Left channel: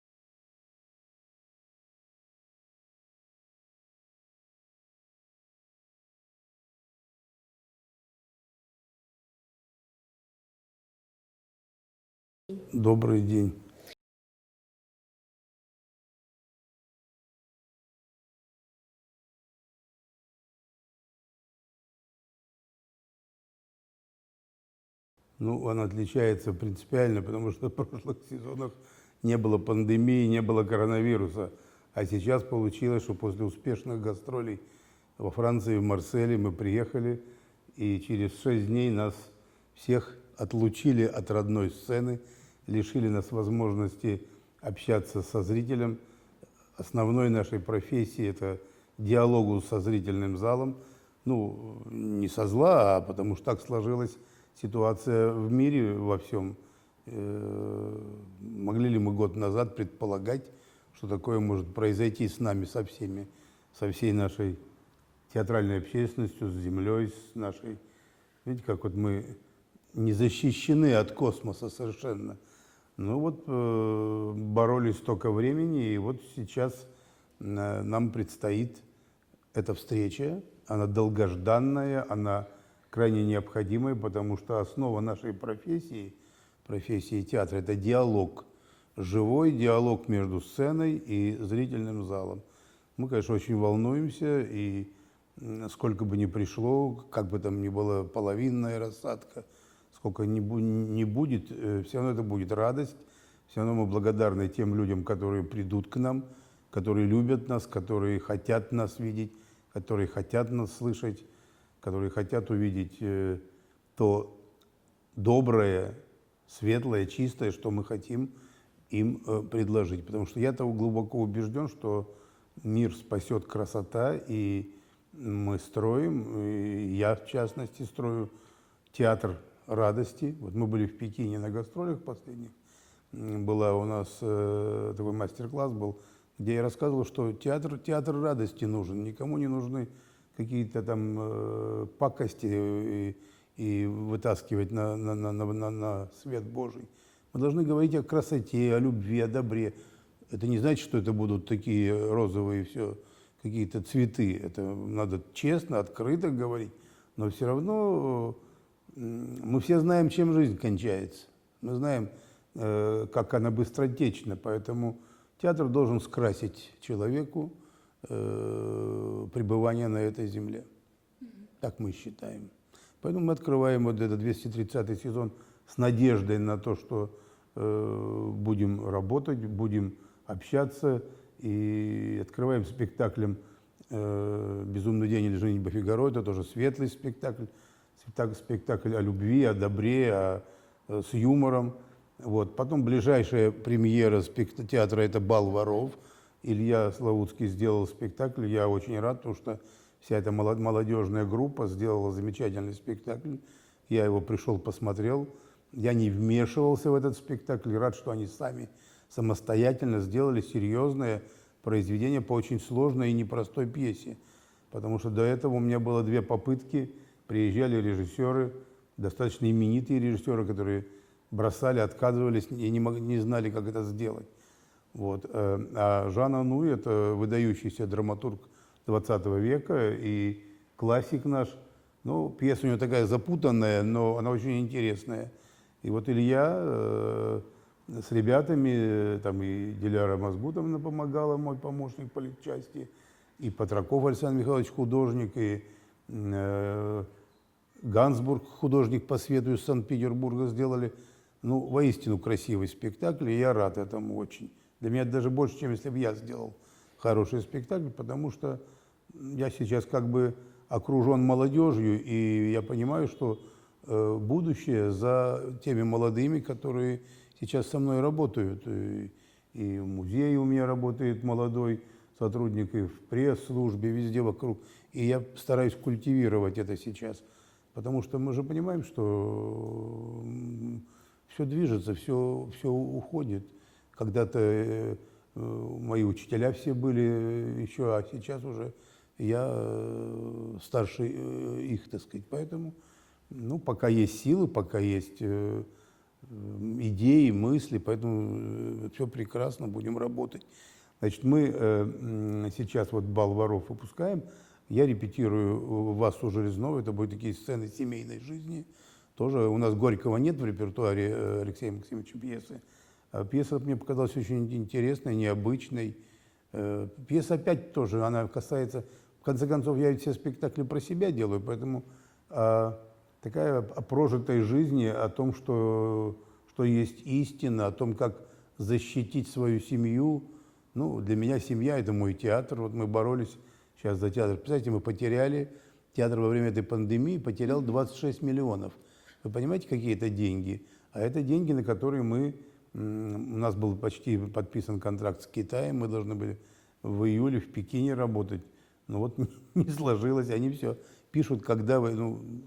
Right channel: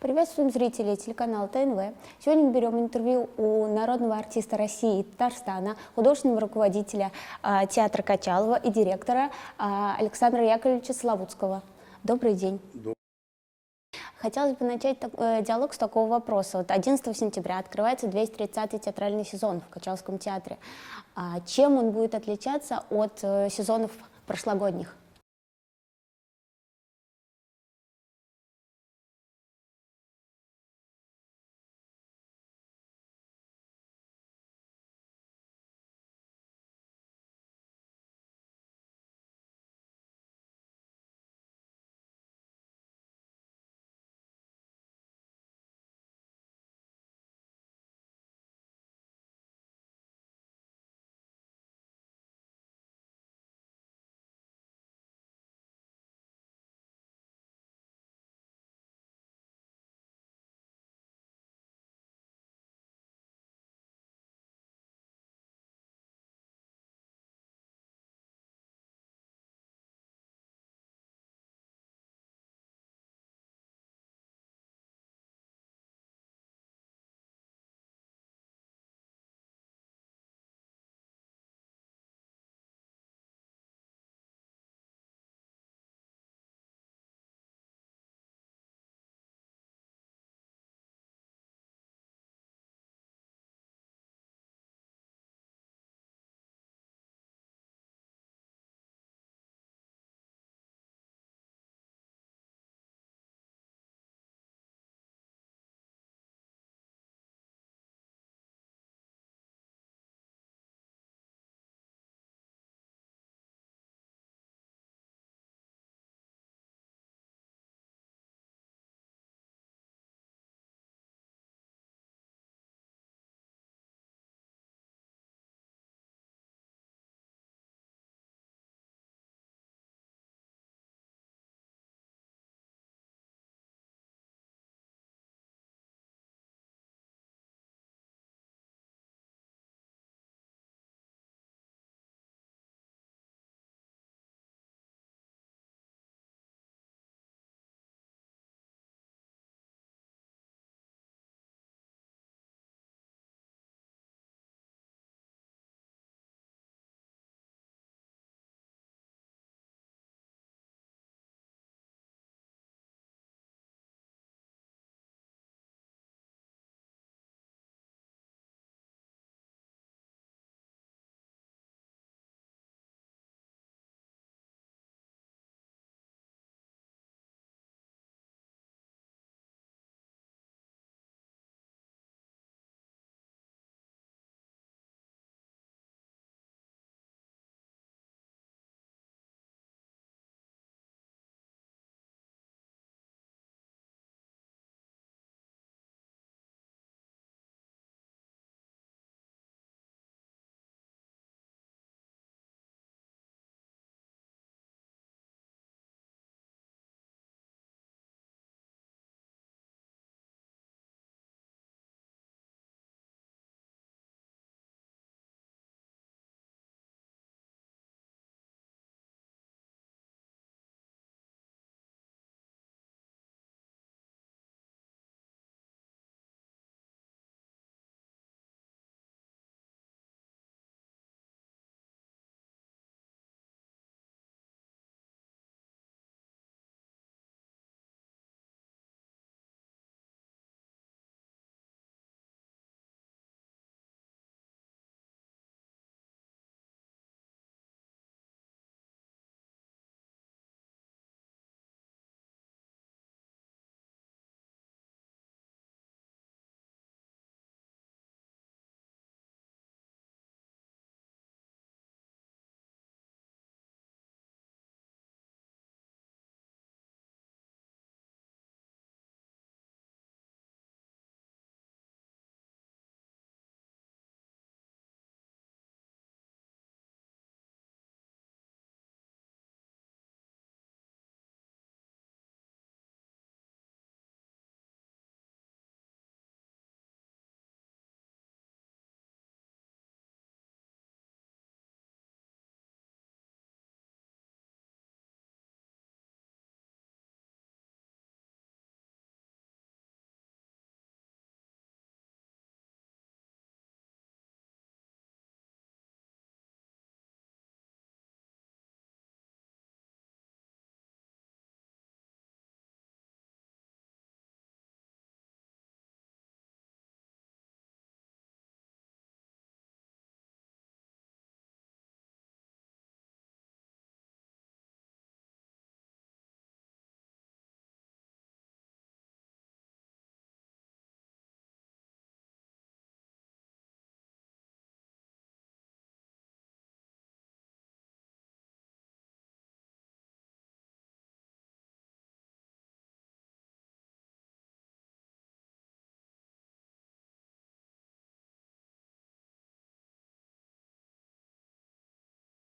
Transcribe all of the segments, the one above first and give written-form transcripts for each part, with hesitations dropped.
Приветствуем зрителей телеканала ТНВ. Сегодня мы берем интервью у народного артиста России и Татарстана, художественного руководителя театра Качалова и директора Александра Яковлевича Славутского. Добрый день. Добрый день. Хотелось бы начать диалог с такого вопроса. 11 сентября открывается 230-й театральный сезон в Качаловском театре. Чем он будет отличаться от сезонов прошлогодних? Он отличается принципиально, потому что в прошлых сезонах не было пандемии, не было коронавируса. А сейчас получилось, что после успешных гастролей во Франции, в Марселе мы приехали, и через 6 дней нас всех отлучили от родной сцены, лишили нас возможности общаться со зрителем. Основной нашей профессии – это диалогу со зрительным залом. Не со зла, а потому что так сложилась ситуация в мире во всем. Могли ли мы год назад предполагать, что такое может произойти с нами, со всей нашей театральной общественностью, с землей, с нашей... Видите, как вот мы не защищены от космоса совершенно. Боролись столько времени, и вот сейчас нам предстоит эта встреча. Она долгожданная, она крайне необходимая, потому что основа нашей профессии театра – это диалог, живой диалог между сценой и зрительным залом. Мы, конечно, очень волнуемся, и сколько бы ни пришло, как бы там ни была половинная рассадка, сколько ни будет, все равно это будет радость, все равно мы благодарны тем людям, которые придут к нам, которые любят нас, которые хотят нас видеть, которые хотят нас слышать, которые хотят увидеть то доброе, светлое, чистое, что мы хотим им предложить. Потому что я того глубоко убежден, что мир спасет красота, и мы строим, и я в частности строю театр радости. Вот мы были в Пекине на гастролях последних. Была у нас такой мастер-класс был, где я рассказывал, что театр радости нужен, никому не нужны какие-то там пакости и вытаскивать на свет Божий. Мы должны говорить о красоте, о любви, о добре. Это не значит, что это будут такие розовые все какие-то цветы. Это надо честно, открыто говорить. Но все равно мы все знаем, чем жизнь кончается. Мы знаем, как она быстротечна. Поэтому театр должен скрасить человеку пребывание на этой земле. Так мы считаем. Поэтому мы открываем вот этот 230-й сезон с надеждой на то, что будем работать, будем общаться. И открываем спектаклем «Безумный день» или «Женитьба Фигаро». Это тоже светлый спектакль. Спектакль о любви, о добре, с юмором. Потом ближайшая премьера театра – это «Бал воров». Илья Славутский сделал спектакль. Я очень рад, потому что вся эта молодежная группа сделала замечательный спектакль. Я его пришел, посмотрел. Я не вмешивался в этот спектакль. Рад, что они сами самостоятельно сделали серьезное произведение по очень сложной и непростой пьесе. Потому что до этого у меня было 2 попытки. Приезжали режиссеры, достаточно именитые режиссеры, которые бросали, отказывались и не знали, как это сделать. А Жан Ануй – это выдающийся драматург 20 века и классик наш. Пьеса у него такая запутанная, но она очень интересная. И вот Илья с ребятами, там и Диляра Мазбутовна помогала, мой помощник по литчасти, и Патраков Александр Михайлович, художник, и Гансбург, художник по свету из Санкт-Петербурга, сделали воистину красивый спектакль, и я рад этому очень. Для меня это даже больше, чем если бы я сделал хороший спектакль, потому что я сейчас как бы окружен молодежью, и я понимаю, что будущее за теми молодыми, которые сейчас со мной работают. И в музее у меня работает молодой сотрудник, и в пресс-службе, везде вокруг. И я стараюсь культивировать это сейчас, потому что мы же понимаем, что все движется, все уходит. Когда-то мои учителя все были еще, а сейчас уже я старше их, так сказать. Поэтому, пока есть силы, пока есть идеи, мысли, поэтому все прекрасно, будем работать. Значит, мы сейчас вот «Бал воров» выпускаем, я репетирую «Вас у Железного», это будут такие сцены семейной жизни. Тоже у нас Горького нет в репертуаре Алексея Максимовича пьесы. А пьеса мне показалась очень интересной, необычной. Пьеса опять тоже, она касается, в конце концов, я ведь все спектакли про себя делаю, поэтому такая о прожитой жизни, о том, что есть истина, о том, как защитить свою семью. Ну, для меня семья – это мой театр. Вот мы боролись сейчас за театр. Представляете, мы потеряли, театр во время этой пандемии потерял 26 миллионов. Вы понимаете, какие это деньги? А это деньги, на которые у нас был почти подписан контракт с Китаем, мы должны были в июле в Пекине работать. Но вот не сложилось, они все пишут, когда вы,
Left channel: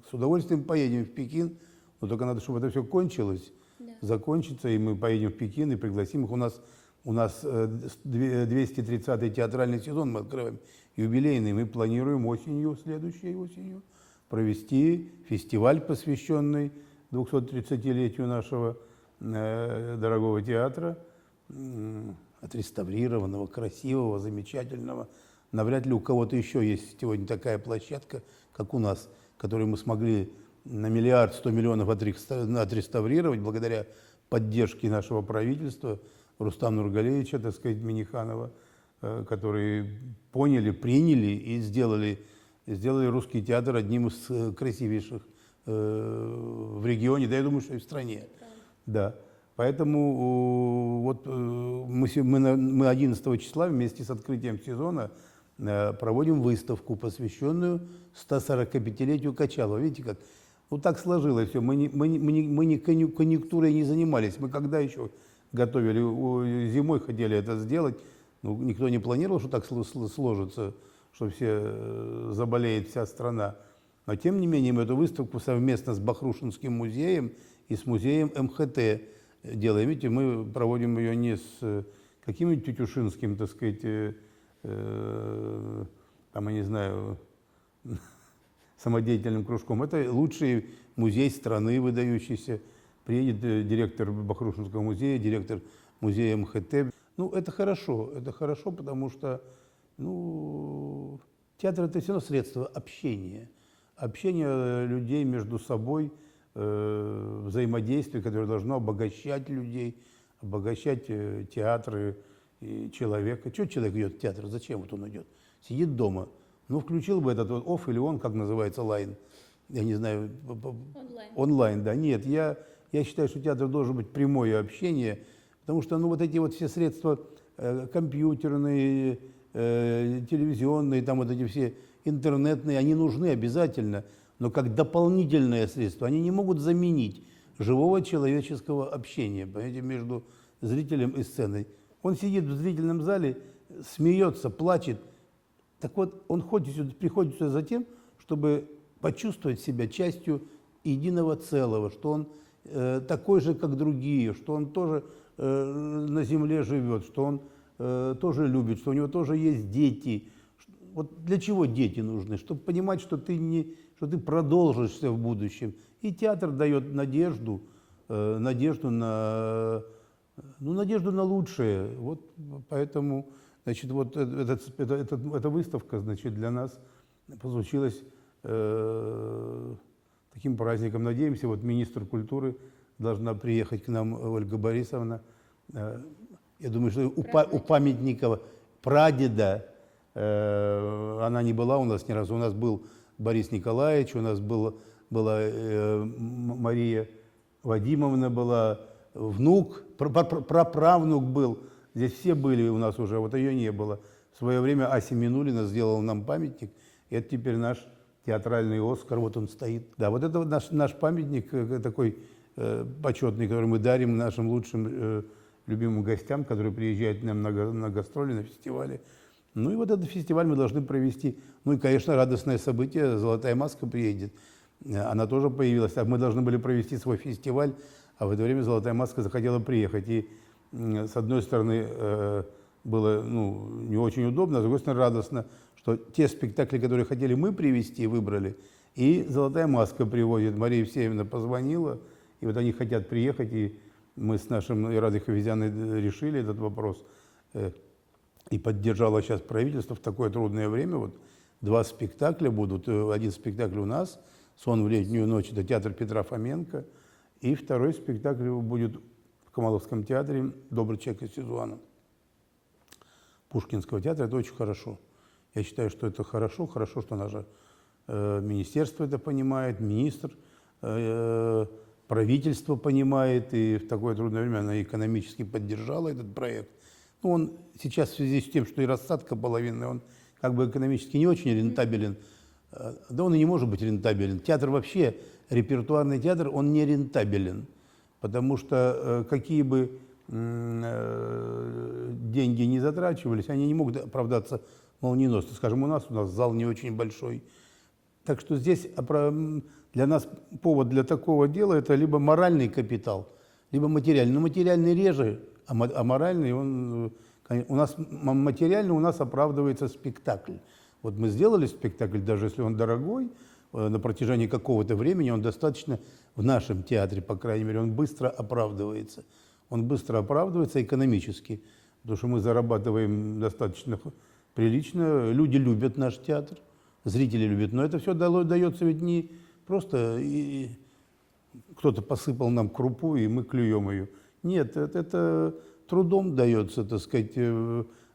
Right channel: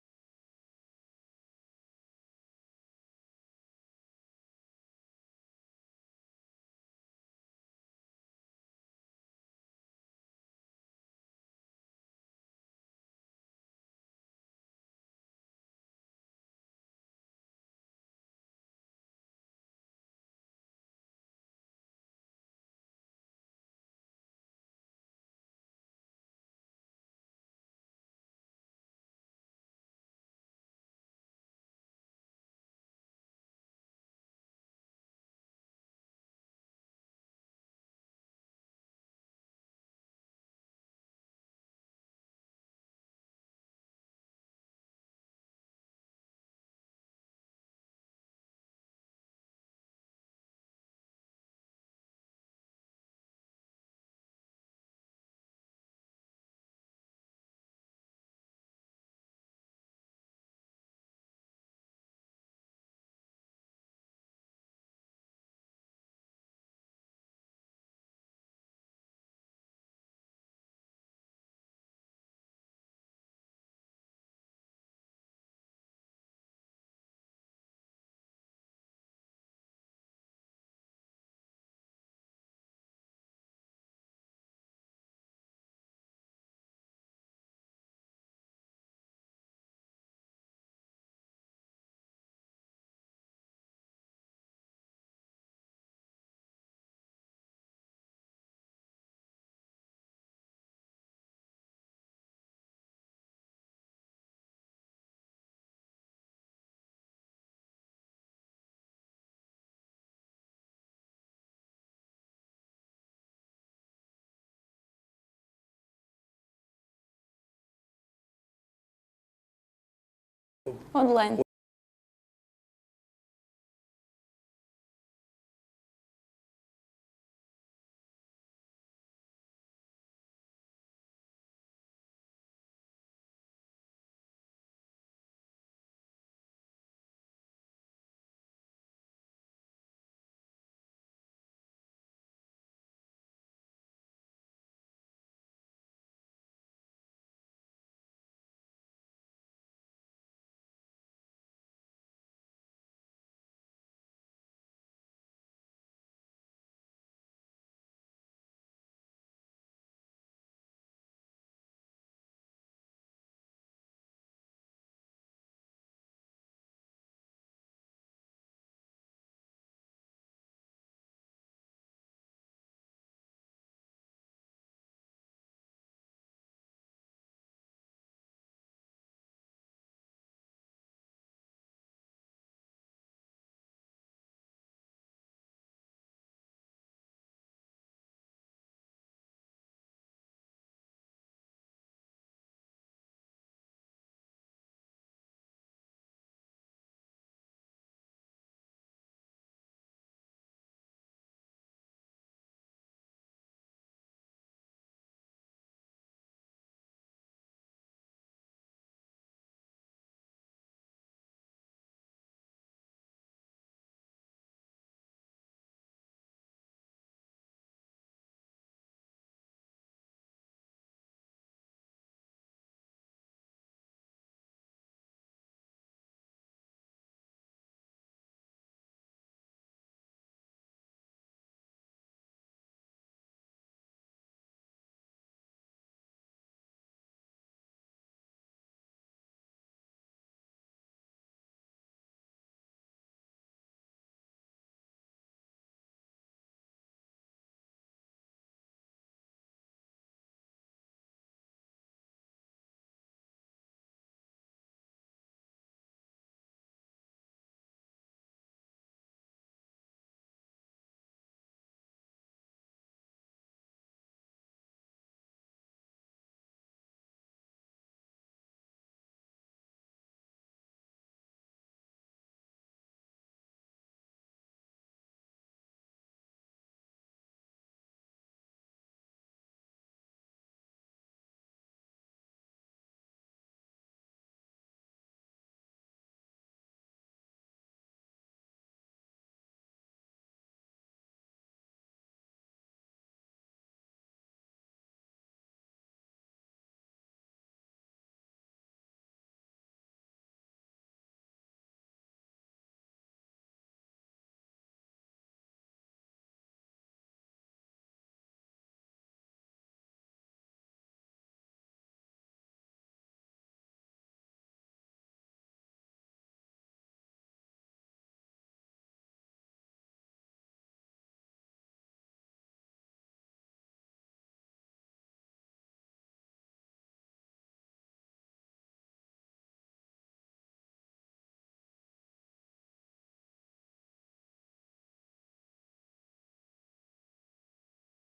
с удовольствием поедем в Пекин, но только надо, чтобы это все кончилось, закончится, и мы поедем в Пекин и пригласим их. У нас 230-й театральный сезон мы открываем, юбилейный. Мы планируем следующей осенью, провести фестиваль, посвященный 230-летию нашего дорогого театра, отреставрированного, красивого, замечательного. Навряд ли у кого-то еще есть сегодня такая площадка, как у нас, которую мы смогли на 1 100 000 000 отреставрировать благодаря поддержке нашего правительства, Рустама Нургалеевича, так сказать, Миниханова, которые поняли, приняли и сделали русский театр одним из красивейших в регионе, да, я думаю, что и в стране. Да. Поэтому вот мы 11 числа вместе с открытием сезона проводим выставку, посвященную 145-летию Качалова. Видите, как? Вот так сложилось все. Мы не конъюнктурой не занимались. Мы когда еще готовили, зимой хотели это сделать, никто не планировал, что так сложится, что все заболеет вся страна. Но тем не менее мы эту выставку совместно с Бахрушинским музеем и с музеем МХТ делаем. Видите, мы проводим ее не с каким-нибудь тютюшинским, так сказать, там, я не знаю, самодеятельным кружком. Это лучший музей страны, выдающийся. Приедет директор Бахрушинского музея, директор музея МХТ. Это хорошо, потому что, театр – это все равно средство общения. Общение людей между собой, взаимодействие, которое должно обогащать людей, обогащать театры и человека. Чего человек идет в театр? Зачем вот он идет? Сидит дома. Включил бы этот вот офф или он, как называется, лайн. Я не знаю. Онлайн. Онлайн, да. Нет, я считаю, что театр должен быть прямое общение, потому что вот эти вот все средства компьютерные, телевизионные, там вот эти все интернетные, они нужны обязательно, но как дополнительное средство. Они не могут заменить живого человеческого общения, понимаете, между зрителем и сценой. Он сидит в зрительном зале, смеется, плачет. Так вот, он приходит сюда за тем, чтобы почувствовать себя частью единого целого, что он такой же, как другие, что он тоже на земле живет, что он тоже любит, что у него тоже есть дети. Вот для чего дети нужны? Чтобы понимать, что ты продолжишься в будущем. И театр дает надежду на лучшее. Вот поэтому, значит, вот эта выставка, значит, для нас получилась таким праздником. Надеемся, вот министр культуры должна приехать к нам, Ольга Борисовна. Я думаю, что у памятника прадеда она не была у нас ни разу. У нас был Борис Николаевич, у нас была Мария Вадимовна, была внук, праправнук был. Здесь все были у нас уже, вот ее не было. В свое время Ася Минулина сделала нам памятник. И это теперь наш театральный Оскар, вот он стоит. Да, вот это наш памятник такой почетный, который мы дарим нашим лучшим любимым гостям, которые приезжают к нам на гастроли, на фестивали. И вот этот фестиваль мы должны провести. И, конечно, радостное событие, «Золотая маска» приедет. Она тоже появилась. А мы должны были провести свой фестиваль, а в это время «Золотая маска» захотела приехать. И с одной стороны было не очень удобно, а с другой стороны радостно, что те спектакли, которые хотели мы привести, выбрали, и «Золотая маска» приводит. Мария Евсеевна позвонила И вот они хотят приехать, и мы с нашим Радой Хавизяной решили этот вопрос. И поддержало сейчас правительство в такое трудное время. Вот 2 спектакля будут. Один спектакль у нас, «Сон в летнюю ночь», это театр Петра Фоменко. И второй спектакль будет в Камаловском театре «Добрый человек из Сизуана» Пушкинского театра. Это очень хорошо. Я считаю, что это хорошо. Хорошо, что наше министерство это понимает, министр, правительство понимает. И в такое трудное время она экономически поддержала этот проект. Ну, он сейчас в связи с тем, что и рассадка половинная, он как бы экономически не очень рентабелен. Да он и не может быть рентабелен. Театр вообще, репертуарный театр, он не рентабелен. Потому что какие бы деньги не затрачивались, они не могут оправдаться молниеносно. Скажем, у нас зал не очень большой. Так что здесь для нас повод для такого дела – это либо моральный капитал, либо материальный. Но материальный реже, а моральный он… У нас материально у нас оправдывается спектакль. Вот мы сделали спектакль, даже если он дорогой, на протяжении какого-то времени он достаточно, в нашем театре, по крайней мере, он быстро оправдывается. Он быстро оправдывается экономически, потому что мы зарабатываем достаточно прилично. Люди любят наш театр, зрители любят. Но это все дается ведь не просто кто-то посыпал нам крупу, и мы клюем ее. Нет, это трудом дается, так сказать,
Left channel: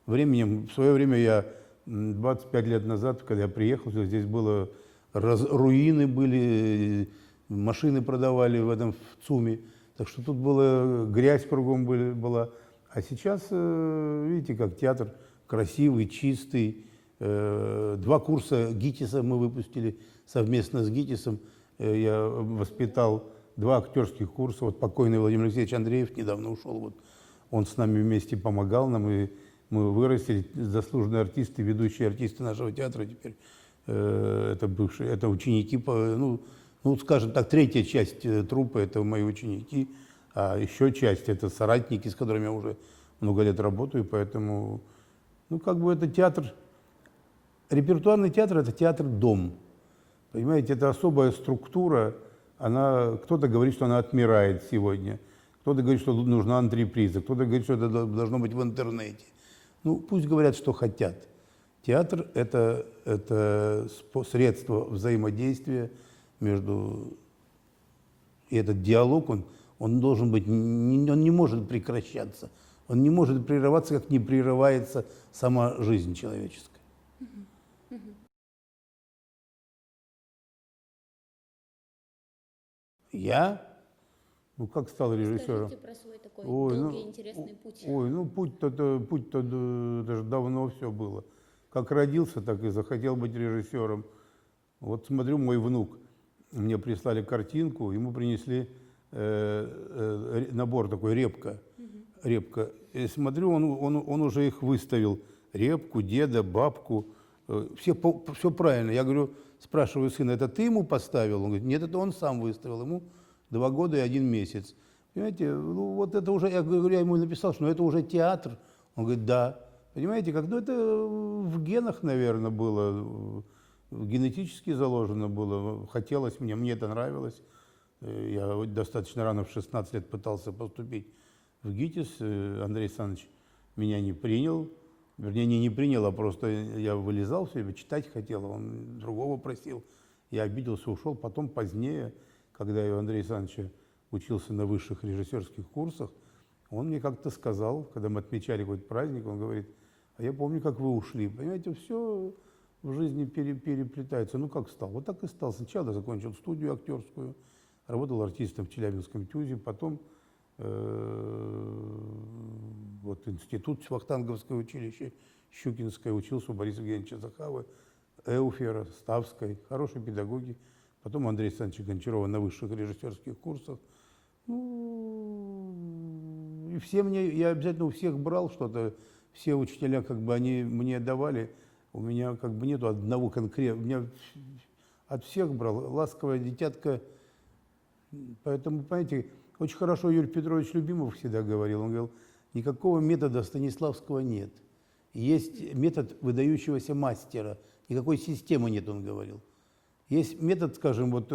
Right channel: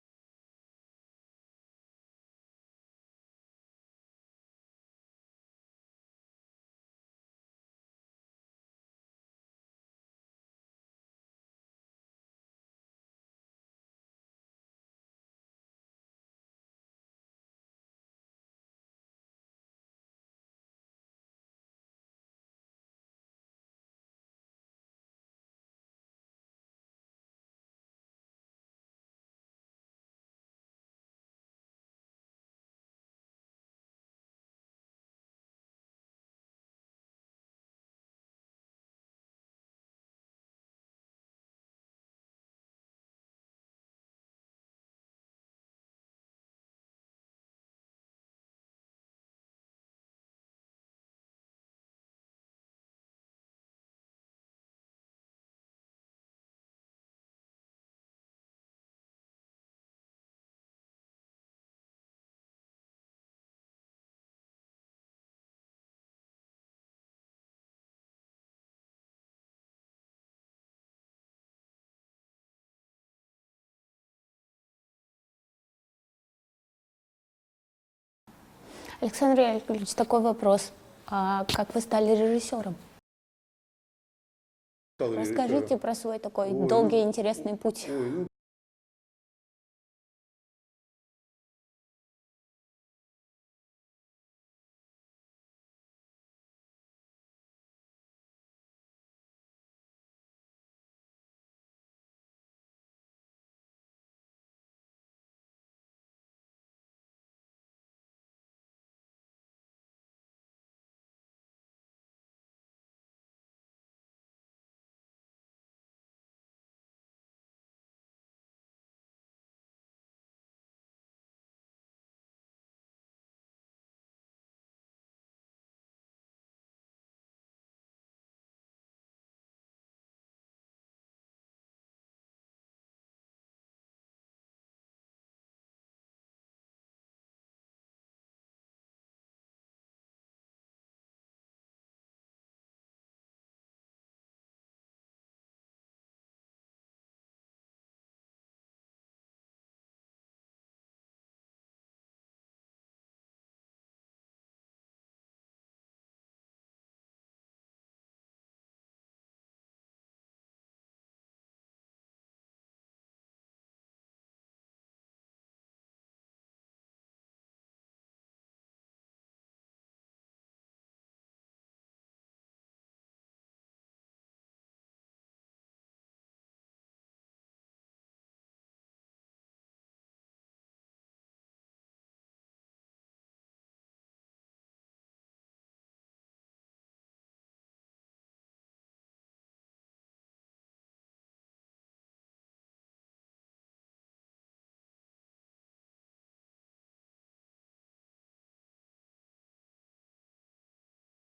временем. В свое время я 25 лет назад, когда я приехал, здесь было руины были, машины продавали в этом в ЦУМе. Так что тут была грязь кругом была. А сейчас, видите, как театр красивый, чистый. 2 курса ГИТИСа мы выпустили совместно с ГИТИСом. Я воспитал 2 актерских курса. Вот покойный Владимир Алексеевич Андреев недавно ушел. Вот он с нами вместе помогал нам, и мы выросли. Заслуженные артисты, ведущие артисты нашего театра теперь. Это бывшие, это ученики, ну, скажем так, 3-я часть труппы – это мои ученики, а еще часть – это соратники, с которыми я уже много лет работаю, поэтому, ну, как бы это театр, репертуарный театр – это театр-дом, понимаете, это особая структура, кто-то говорит, что она отмирает сегодня, кто-то говорит, что тут нужна антреприза, кто-то говорит, что это должно быть в интернете. Ну, пусть говорят, что хотят. Театр – это средство взаимодействия между… И этот диалог, он должен быть, он не может прекращаться. Он не может прерываться, как не прерывается сама жизнь человеческая. Александр Яковлевич, такой вопрос. А как вы стали режиссером? Я? Ну, как стал режиссером? Расскажите про свой такой долгий, интересный путь. Путь-то даже давно все было. Как родился, так и захотел быть режиссером. Вот смотрю, мой внук, мне прислали картинку, ему принесли набор такой, репка. И смотрю, он уже их выставил. Репку, деда, бабку. Все правильно. Я говорю, спрашиваю сына, это ты ему поставил? Он говорит, нет, это он сам выставил. Ему 2 года и 1 месяц. Понимаете, ну вот это уже, я ему написал, что это уже театр. Он говорит, да. Понимаете, как, ну это в генах, наверное, было, генетически заложено было. Хотелось мне это нравилось. Я достаточно рано, в 16 лет, пытался поступить в ГИТИС. Андрей Александрович меня не принял. Вернее, не принял, а просто я вылезал все время, читать хотел, он другого просил. Я обиделся, ушел. Потом, позднее, когда я у Андрея Александровича учился на высших режиссерских курсах, он мне как-то сказал, когда мы отмечали какой-то праздник, он говорит, а я помню, как вы ушли. Понимаете, все в жизни переплетается. Ну, как стал? Вот так и стал. Сначала закончил студию актерскую, работал артистом в Челябинском ТЮЗе, потом вот институт, Вахтанговское училище, Щукинское, учился у Бориса Евгеньевича Захавы, Эуфера, Ставской, хорошие педагоги. Потом Андрея Александровича Гончарова на высших режиссерских курсах. Ну, и я обязательно у всех брал что-то. Все учителя, как бы, они мне давали. У меня как бы нету одного конкретного. Меня от всех брал. Ласковая дитятка. Поэтому, понимаете, очень хорошо Юрий Петрович Любимов всегда говорил. Он говорил, никакого метода Станиславского нет. Есть метод выдающегося мастера. Никакой системы нет, он говорил. Есть метод, скажем, вот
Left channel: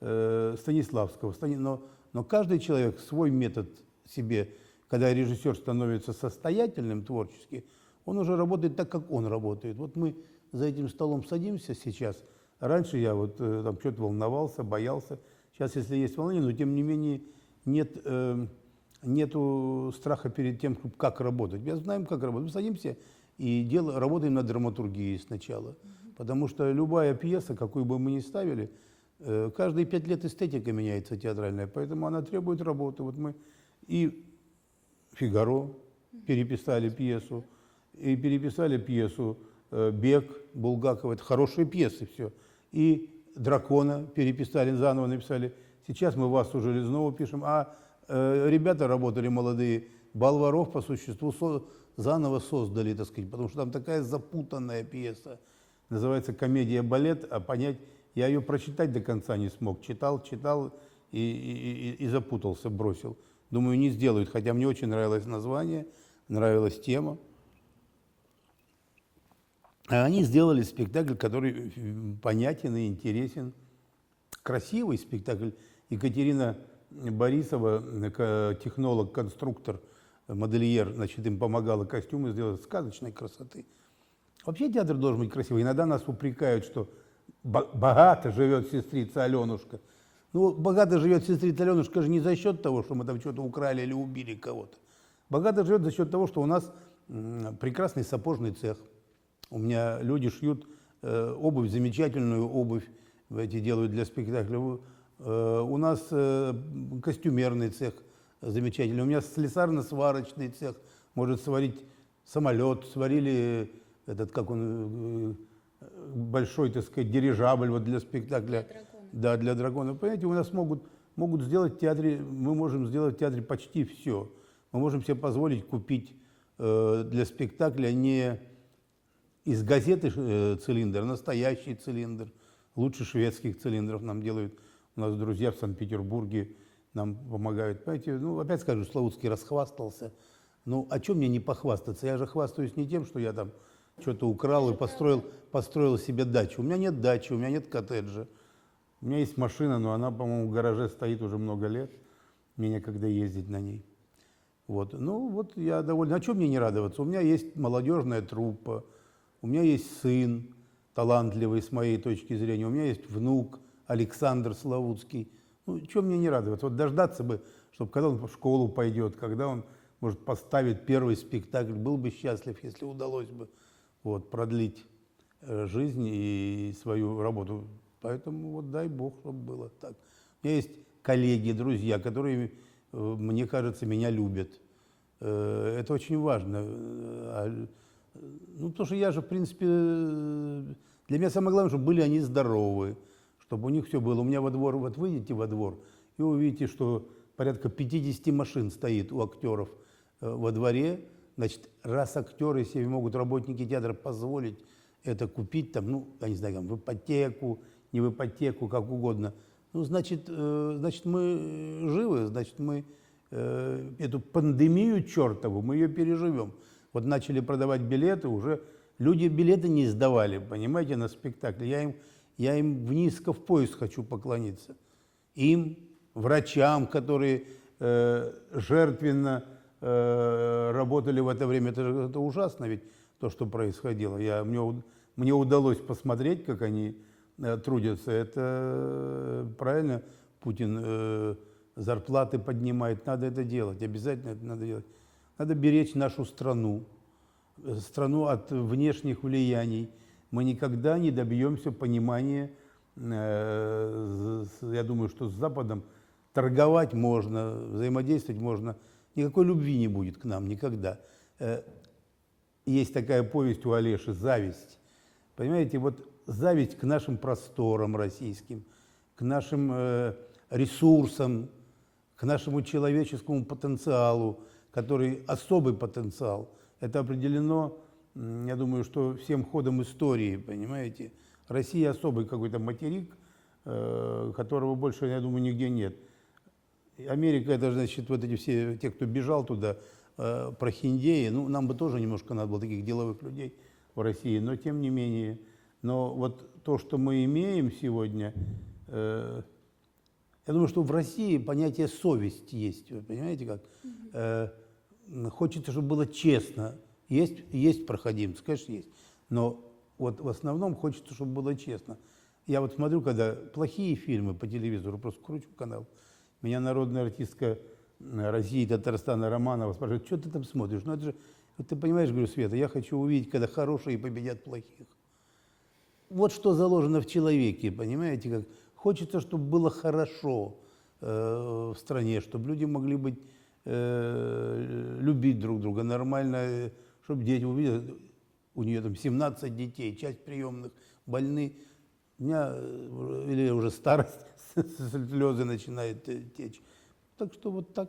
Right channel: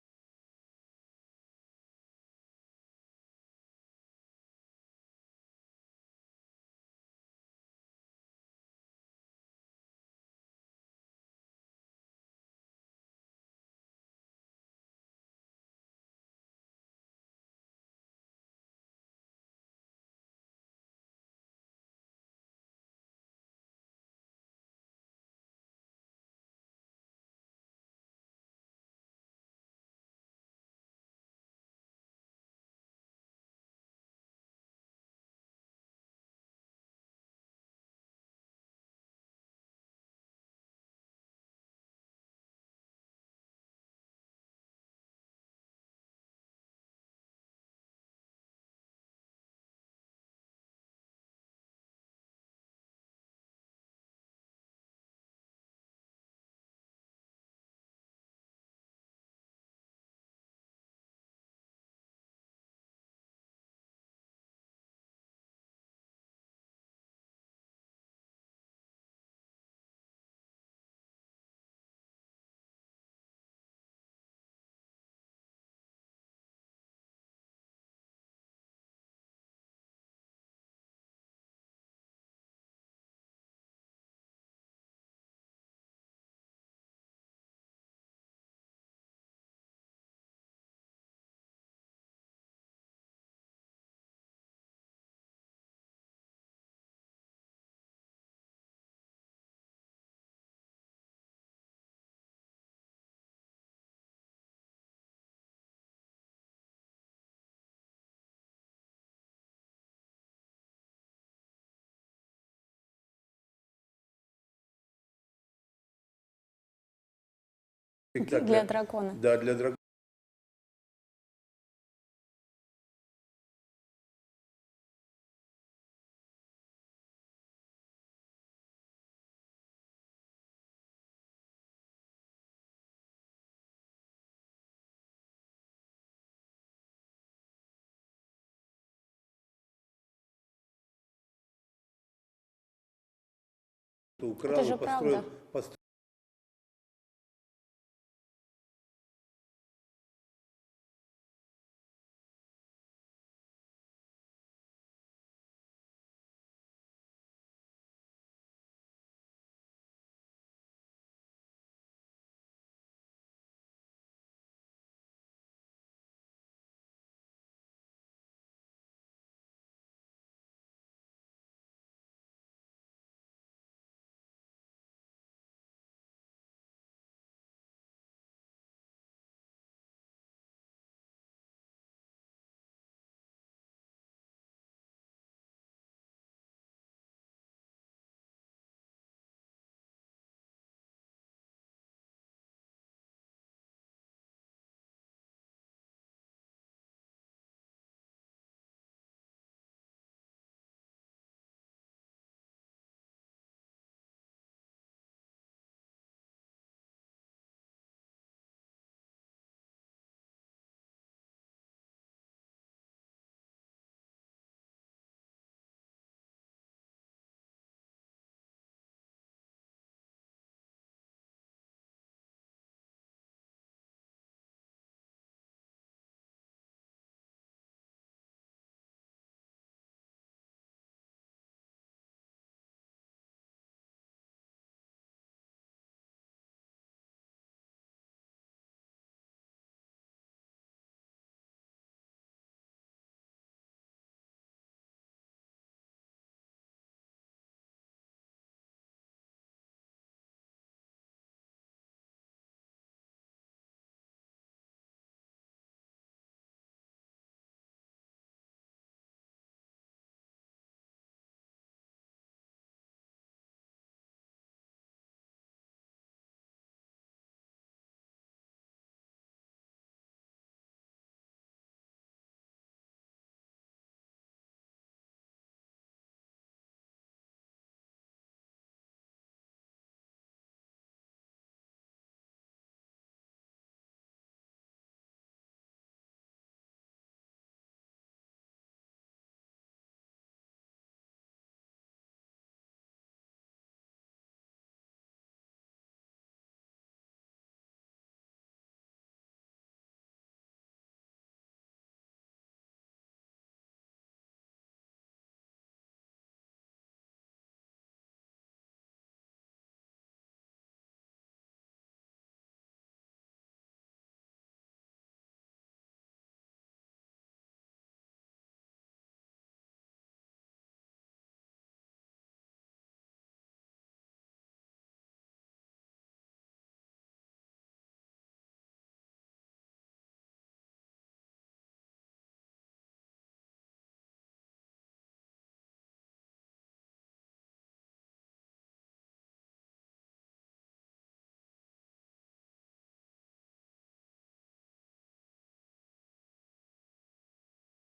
Станиславского, но Но каждый человек свой метод себе, когда режиссер становится состоятельным творчески, он уже работает так, как он работает. Вот мы за этим столом садимся сейчас. Раньше я вот там что-то волновался, боялся. Сейчас, если есть волнение, но тем не менее нету страха перед тем, как работать. Мы знаем, как работать. Мы садимся и работаем над драматургией сначала. Потому что любая пьеса, какую бы мы ни ставили, каждые 5 лет эстетика меняется театральная, поэтому она требует работы. Вот мы и «Фигаро» переписали пьесу, и переписали пьесу «Бег» Булгакова. Это хорошие пьесы все. И «Дракона» переписали, заново написали. Сейчас мы «Васу Железнову» пишем, а ребята работали молодые, «Болваров» по существу заново создали, так сказать, потому что там такая запутанная пьеса. Называется «Комедия-балет», а понять, я ее прочитать до конца не смог. Читал и запутался, бросил. Думаю, не сделают, хотя мне очень нравилось название, нравилась тема. А они сделали спектакль, который понятен и интересен. Красивый спектакль. Екатерина Борисова, технолог, конструктор, модельер, значит, им помогала костюмы сделать сказочной красоты. Вообще театр должен быть красивый. Иногда нас упрекают, что богато живет сестрица Аленушка. Ну, богато живет сестрица Аленушка же не за счет того, что мы там что-то украли или убили кого-то. Богато живет за счет того, что у нас прекрасный сапожный цех. У меня люди шьют обувь, замечательную обувь эти делают для спектакля. У нас костюмерный цех замечательный. У меня слесарно-сварочный цех может сварить самолет. Сварили этот, как он, большой, так сказать, дирижабль вот для спектакля. Для дракона. Да, для дракона. Понимаете, у нас могут сделать в театре, мы можем сделать в театре почти все. Мы можем себе позволить купить для спектакля не из газеты цилиндр, а настоящий цилиндр. Лучше шведских цилиндров нам делают. У нас друзья в Санкт-Петербурге нам помогают. Понимаете, ну, опять скажу, Славутский расхвастался. Ну, о чем мне не похвастаться? Я же хвастаюсь не тем, что я там что-то украл и построил себе дачу. У меня нет дачи, у меня нет коттеджа. У меня есть машина, но она, по-моему, в гараже стоит уже много лет. Мне некогда ездить на ней. Вот. Ну, вот я доволен. А чем мне не радоваться? У меня есть молодежная труппа, у меня есть сын талантливый с моей точки зрения, у меня есть внук Александр Славутский. Ну, чем мне не радоваться? Вот дождаться бы, чтобы когда он в школу пойдет, когда он может поставить первый спектакль, был бы счастлив, если удалось бы вот, продлить жизнь и свою работу. Поэтому вот дай Бог, чтобы было так. У меня есть коллеги, друзья, которые, мне кажется, меня любят. Это очень важно. Ну, потому что я же, в принципе, для меня самое главное, чтобы были они здоровы, чтобы у них все было. У меня во двор, вот выйдете во двор, и увидите, что порядка 50 машин стоит у актеров во дворе. Значит, раз актеры себе могут, работники театра, позволить это купить, там, ну, я не знаю, там, в ипотеку, не в ипотеку, как угодно, ну, значит, мы живы, значит, мы эту пандемию чертову, мы ее переживем. Вот начали продавать билеты, уже люди билеты не сдавали, понимаете, на спектакль. Я им в низко в пояс хочу поклониться. Им, врачам, которые жертвенно работали в это время. Это ужасно ведь, то, что происходило. Мне удалось посмотреть, как они трудятся. Это правильно, Путин зарплаты поднимает. Надо это делать, обязательно это надо делать. Надо беречь нашу страну от внешних влияний. Мы никогда не добьемся понимания, я думаю, что с Западом торговать можно, взаимодействовать можно. Никакой любви не будет к нам никогда. Есть такая повесть у Олеши «Зависть». Понимаете, вот зависть к нашим просторам российским, к нашим ресурсам, к нашему человеческому потенциалу, который особый потенциал. Это определено, я думаю, что всем ходом истории, понимаете. Россия особый какой-то материк, которого больше, я думаю, нигде нет. Америка, это, значит, вот эти все, те, кто бежал туда, прохиндеи, ну, нам бы тоже немножко надо было таких деловых людей в России, но тем не менее. Но вот то, что мы имеем сегодня, Я думаю, что в России понятие совесть есть, вы понимаете как? Хочется, чтобы было честно. Есть проходимцы, конечно, есть. Но вот в основном хочется, чтобы было честно. Я вот смотрю, когда плохие фильмы по телевизору, просто кручу канал, меня народная артистка России, Татарстана Романова спрашивает, что ты там смотришь? Ну это же, вот ты понимаешь, говорю, Света, я хочу увидеть, когда хорошие победят плохих. Вот что заложено в человеке, понимаете, как хочется, чтобы было хорошо в стране, чтобы люди могли быть, любить друг друга нормально, чтобы дети увидели, у нее там 17 детей, часть приемных больны, у меня или уже старость, слезы начинают течь. Так что вот так.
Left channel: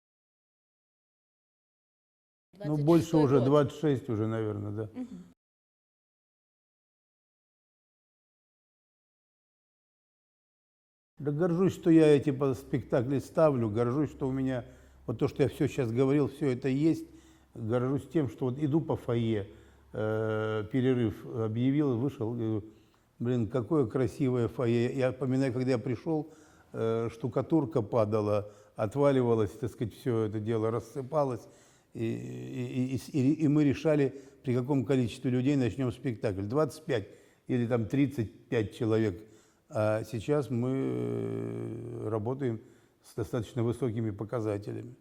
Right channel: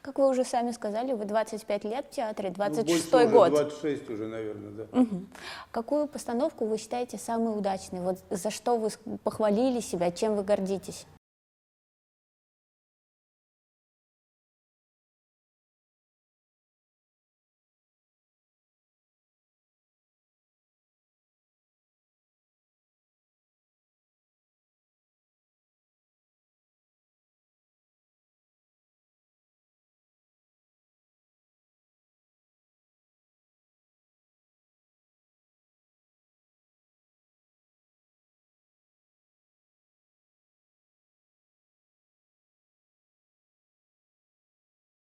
Как вы уже сами сказали, вы 25 лет в театре, Ну, 26-й больше уже, год. 26 уже, наверное, да. Какую постановку вы считаете самой удачной? Вот за что вы похвалили себя, чем вы гордитесь? Да горжусь, что я эти спектакли ставлю, горжусь, что у меня вот то, что я все сейчас говорил, все это есть. Горжусь тем, что вот иду по фойе, перерыв объявил, вышел, говорю, блин, какое красивое фойе. Я поминаю, когда я пришел, штукатурка падала, отваливалась, так сказать, все это дело рассыпалось, и мы решали, при каком количестве людей начнем спектакль. 25 или там 35 человек. А сейчас мы работаем с достаточно высокими показателями.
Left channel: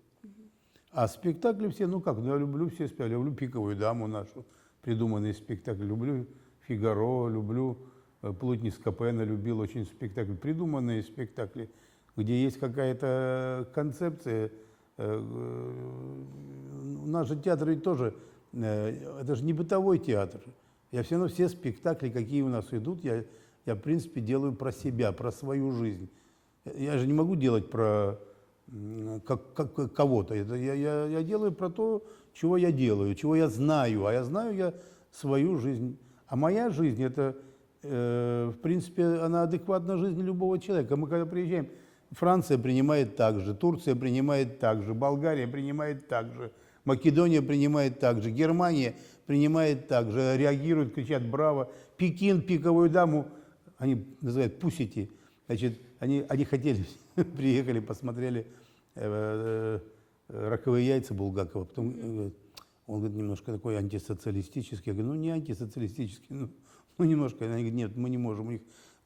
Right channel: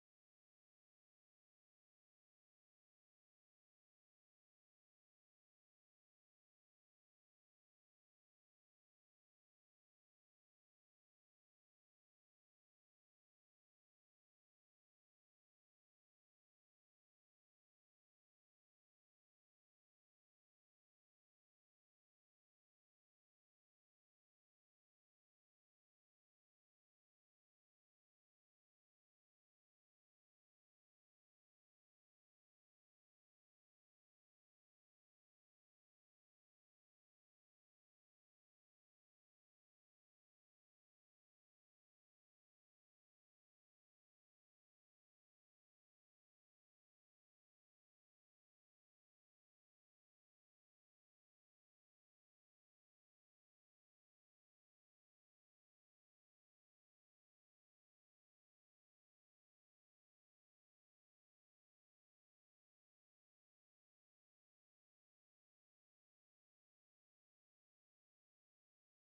А спектакли все, ну как, я люблю все спектакли. Я люблю «Пиковую даму» нашу, придуманный спектакль. Люблю «Фигаро», люблю «Плутни Скопена», любил очень спектакль. Придуманные спектакли, где есть какая-то концепция. Наш же театр ведь тоже, это же не бытовой театр. Я все равно все спектакли, какие у нас идут, я в принципе делаю про себя, про свою жизнь. Я же не могу делать про кого-то. Я делаю про то, чего я делаю, чего я знаю. А я знаю свою жизнь. А моя жизнь, это, в принципе, она адекватна жизни любого человека. Мы когда приезжаем, Франция принимает так же, Турция принимает так же, Болгария принимает так же, Македония принимает так же, Германия принимает так же, реагируют, кричат «Браво!». Пекин, «Пиковую даму», они называют «пусити». Значит, они хотели, приехали, посмотрели «Раковые яйца» Булгакова. Потом он говорит, немножко такой антисоциалистический. Я говорю, ну не антисоциалистический, ну немножко. Они говорят, нет, мы не можем.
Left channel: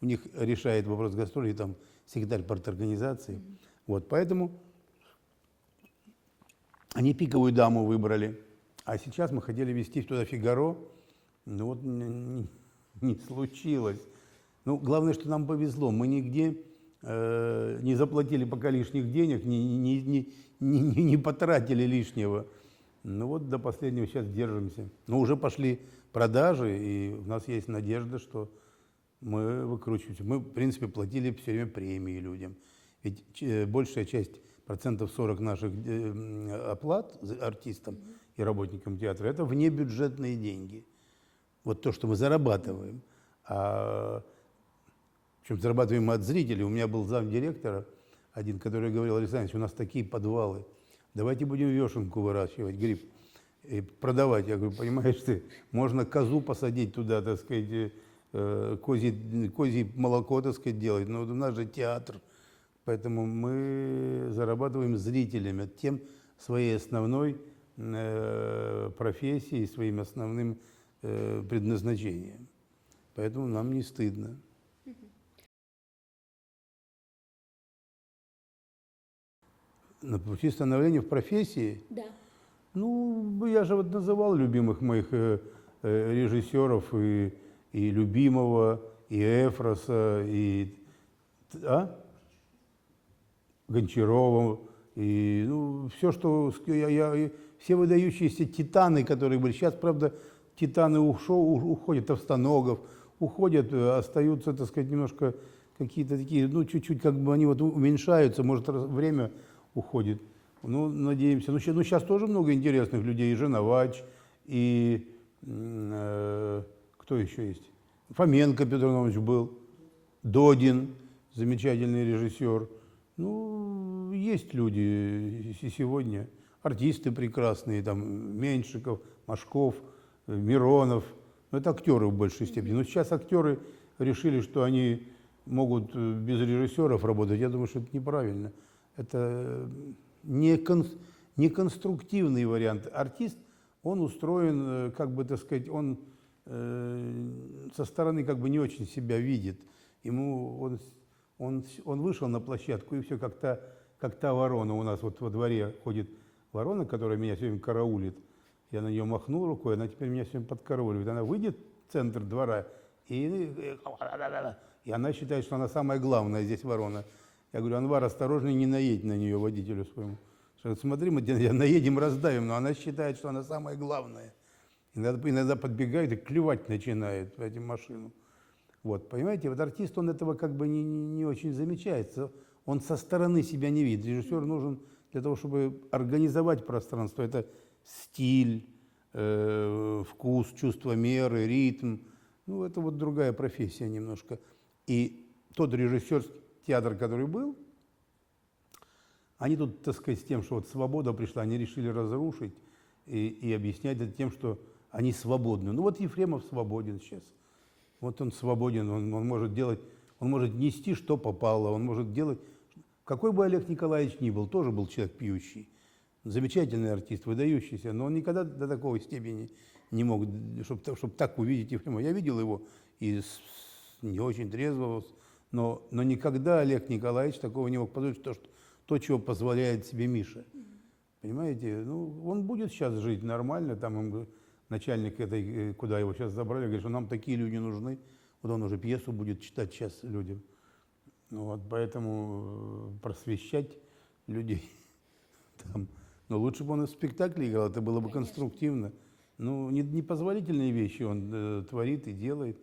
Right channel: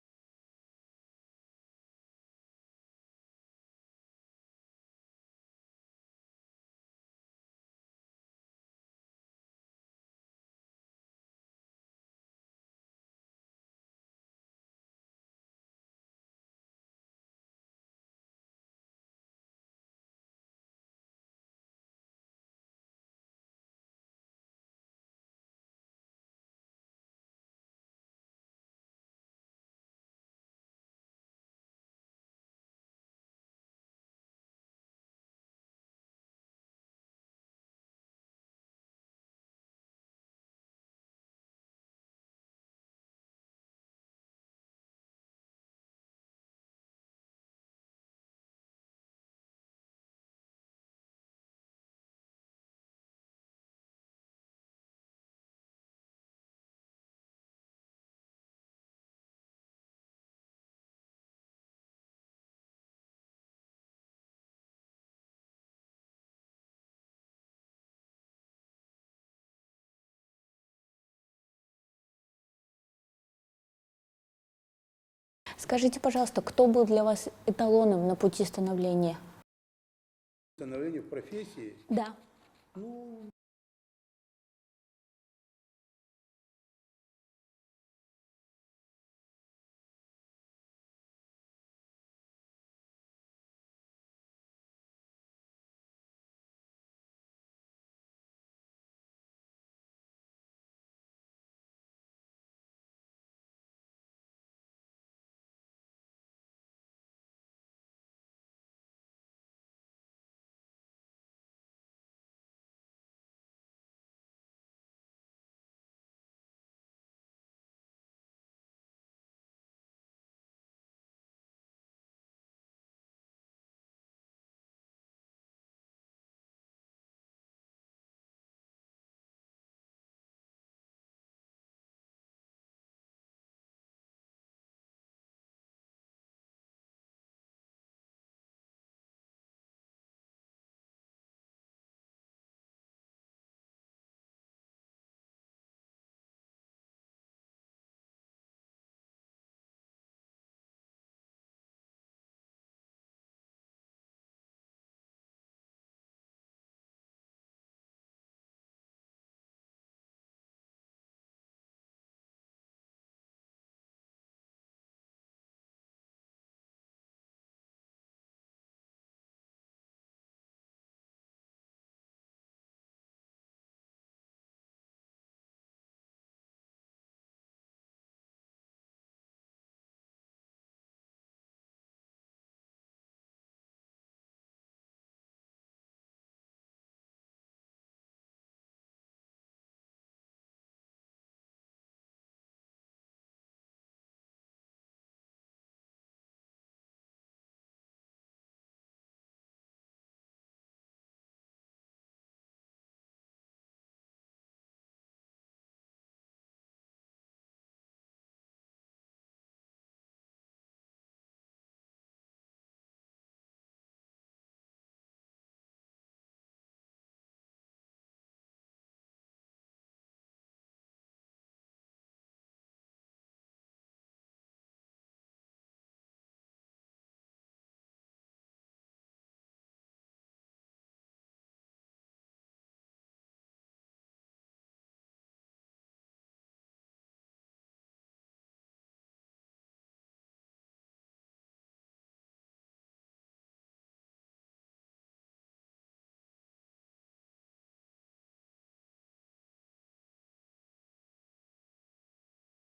У них решает вопрос гастролей там секретарь парторганизации. Вот, поэтому они «Пиковую даму» выбрали. А сейчас мы хотели везти туда «Фигаро». Ну вот не случилось. Ну, главное, что нам повезло. Мы нигде не заплатили пока лишних денег, не потратили лишнего. Ну вот до последнего сейчас держимся. Но уже пошли продажи, и у нас есть надежда, что мы выкручиваемся. Мы, в принципе, платили все время премии людям. Ведь большая часть, 40% наших оплат артистам и работникам театра, это внебюджетные деньги. Вот то, что мы зарабатываем. Причем зарабатываем мы от зрителей. У меня был замдиректора один, который говорил, Александр, у нас такие подвалы, давайте будем вешенку выращивать, гриб, и продавать. Я говорю, понимаешь ты, можно козу посадить туда, так сказать, козье молоко, так сказать, делать, но у нас же театр. Поэтому мы зарабатываем зрителями, тем своей основной профессией, своим основным предназначением. Поэтому нам не стыдно. Скажите, пожалуйста, кто был для вас эталоном на пути становления? На пути становления в профессии? Да. Ну, я же вот называл любимых моих режиссеров, и Любимого, и Эфроса, и Гончарова, и ну, все, что все выдающиеся титаны, которые были. Сейчас, правда, титаны уходят, Товстоногов, уходят, остаются, так сказать, немножко какие-то такие, ну, чуть-чуть как бы они вот уменьшаются, может, время уходит. Ну, надеемся. Ну, сейчас тоже много интересных людей, и Женовач, и кто еще есть? Фоменко Петр Иванович был, Додин, замечательный режиссер. Ну, есть люди и сегодня, артисты прекрасные, там, Меньшиков, Машков, Миронов. Ну, это актеры в большей степени. Но сейчас актеры решили, что они могут без режиссеров работать, я думаю, что это неправильно. Это не конструктивный вариант. Артист, он устроен, как бы, так сказать, он со стороны как бы не очень себя видит. Ему он вышел на площадку, и все, как та ворона. У нас вот во дворе ходит ворона, которая меня все время караулит. Я на нее махнул рукой, она теперь меня все время подкарауливает. Она выйдет в центр двора, и она считает, что она самая главная здесь ворона. Я говорю: Анвар, осторожней, не наедь на нее, водителю своему. Что, смотри, мы наедем, раздавим, но она считает, что она самая главная. Иногда подбегает и клевать начинает в эту машину. Вот, понимаете, вот артист, он этого как бы не очень замечает. Он со стороны себя не видит. Режиссер нужен для того, чтобы организовать пространство. Это стиль, вкус, чувство меры, ритм. Ну, это вот другая профессия немножко. И тот режиссер, театр, который был, они тут, так сказать, с тем, что вот свобода пришла, они решили разрушить и объяснять это тем, что они свободны. Ну вот Ефремов свободен сейчас. Вот он свободен, он может делать, он может нести, что попало, он может делать. Какой бы Олег Николаевич ни был, тоже был человек пьющий. Замечательный артист, выдающийся, но он никогда до такой степени не мог, чтобы так увидеть Ефремова. Я видел его и не очень трезвого, но никогда Олег Николаевич такого не мог позволить, то, чего позволяет себе Миша. Понимаете? Ну, он будет сейчас жить нормально, там начальник этой, куда его сейчас забрали, говорит, что нам такие люди нужны. Вот он уже пьесу будет читать сейчас людям. Вот, поэтому просвещать людей там. Но лучше бы он и в спектакле играл, это было бы конструктивно. Ну, непозволительные вещи он творит и делает.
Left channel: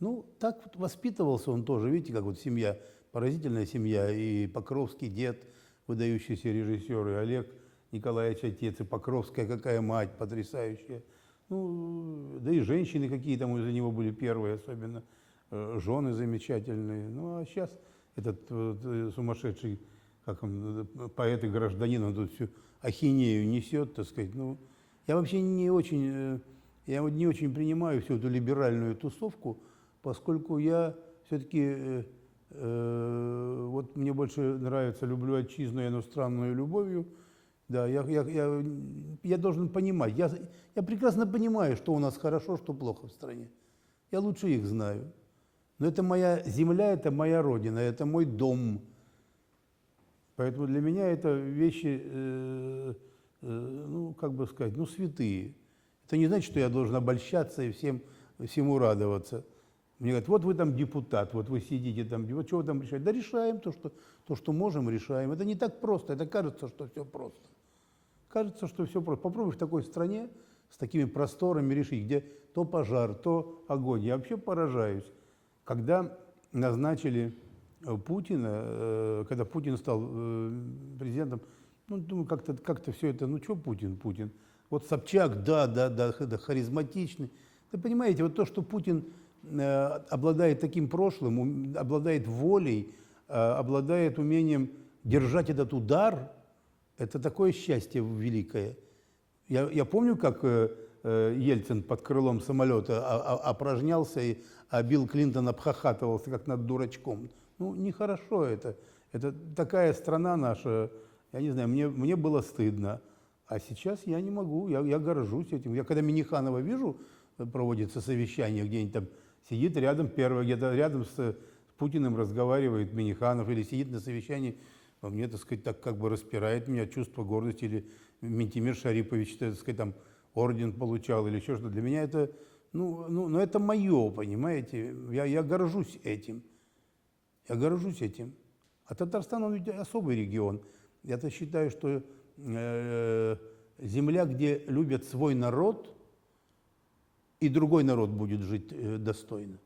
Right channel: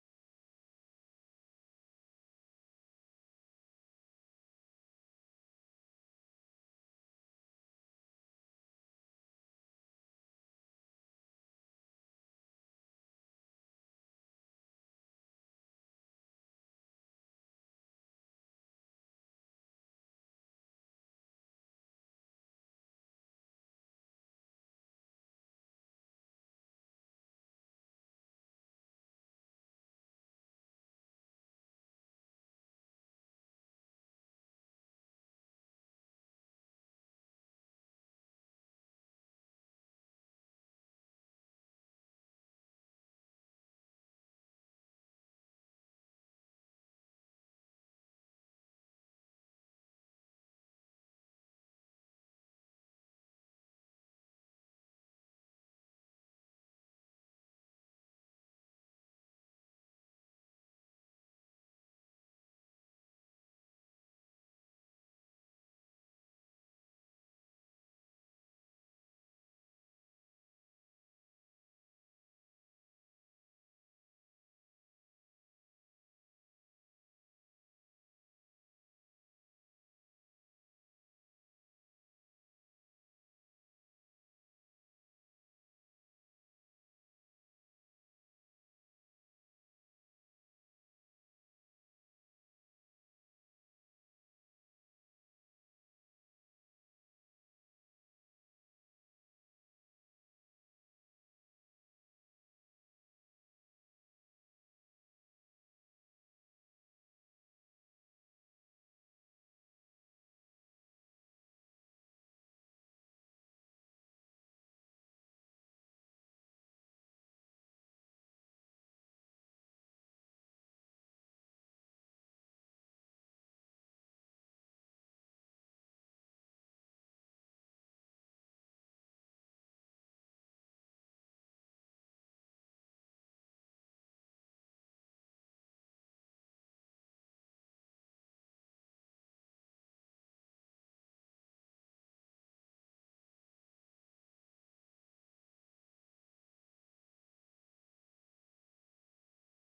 Ну, так вот воспитывался он тоже, видите, как вот семья, поразительная семья, и Покровский дед, выдающийся режиссер, и Олег Николаевич отец, и Покровская какая мать потрясающая. Ну, да и женщины какие там из-за него были первые, особенно жены замечательные. Ну, а сейчас этот сумасшедший, как он, поэт и гражданин, он тут всю ахинею несет, так сказать. Ну, я вообще не очень принимаю всю эту либеральную тусовку, поскольку я все-таки, вот мне больше нравится, люблю отчизну и иностранную любовью. Да, я должен понимать, я прекрасно понимаю, что у нас хорошо, что плохо в стране. Я лучше их знаю. Но это моя земля, это моя родина, это мой дом. Поэтому для меня это вещи, ну, как бы сказать, ну, святые. Это не значит, что я должен обольщаться и всему радоваться. Мне говорят: вот вы там депутат, вот вы сидите там, вот что вы там решаете? Да решаем то, что можем, решаем. Это не так просто, это кажется, что все просто. Кажется, что все просто. Попробуй в такой стране с такими просторами решить, где то пожар, то огонь. Я вообще поражаюсь. Когда назначили Путина, когда Путин стал президентом, ну, думаю, как-то все это, ну, что Путин? Вот Собчак, да, харизматичный. Вы понимаете, вот то, что Путин обладает таким прошлым, обладает волей, обладает умением держать этот удар, это такое счастье великое. Я помню, как Ельцин под крылом самолета опражнялся, а Билл Клинтон обхахатывался, как над дурачком. Ну, нехорошо это. Это такая страна наша, я не знаю, мне было стыдно. А сейчас я не могу, я горжусь этим. Я когда Минниханова вижу, проводится совещание, где-нибудь там сидит рядом, где-то рядом с Путиным разговаривает Минниханов, или сидит на совещании, мне, так сказать, так как бы распирает меня чувство гордости, или Ментимир Шарипович, так сказать, там орден получал, или еще что-то. Для меня это, ну, это мое, понимаете, я горжусь этим. Я горжусь этим. А Татарстан, он ведь особый регион. Я-то считаю, что земля, где любят свой народ, и другой народ будет жить достойно.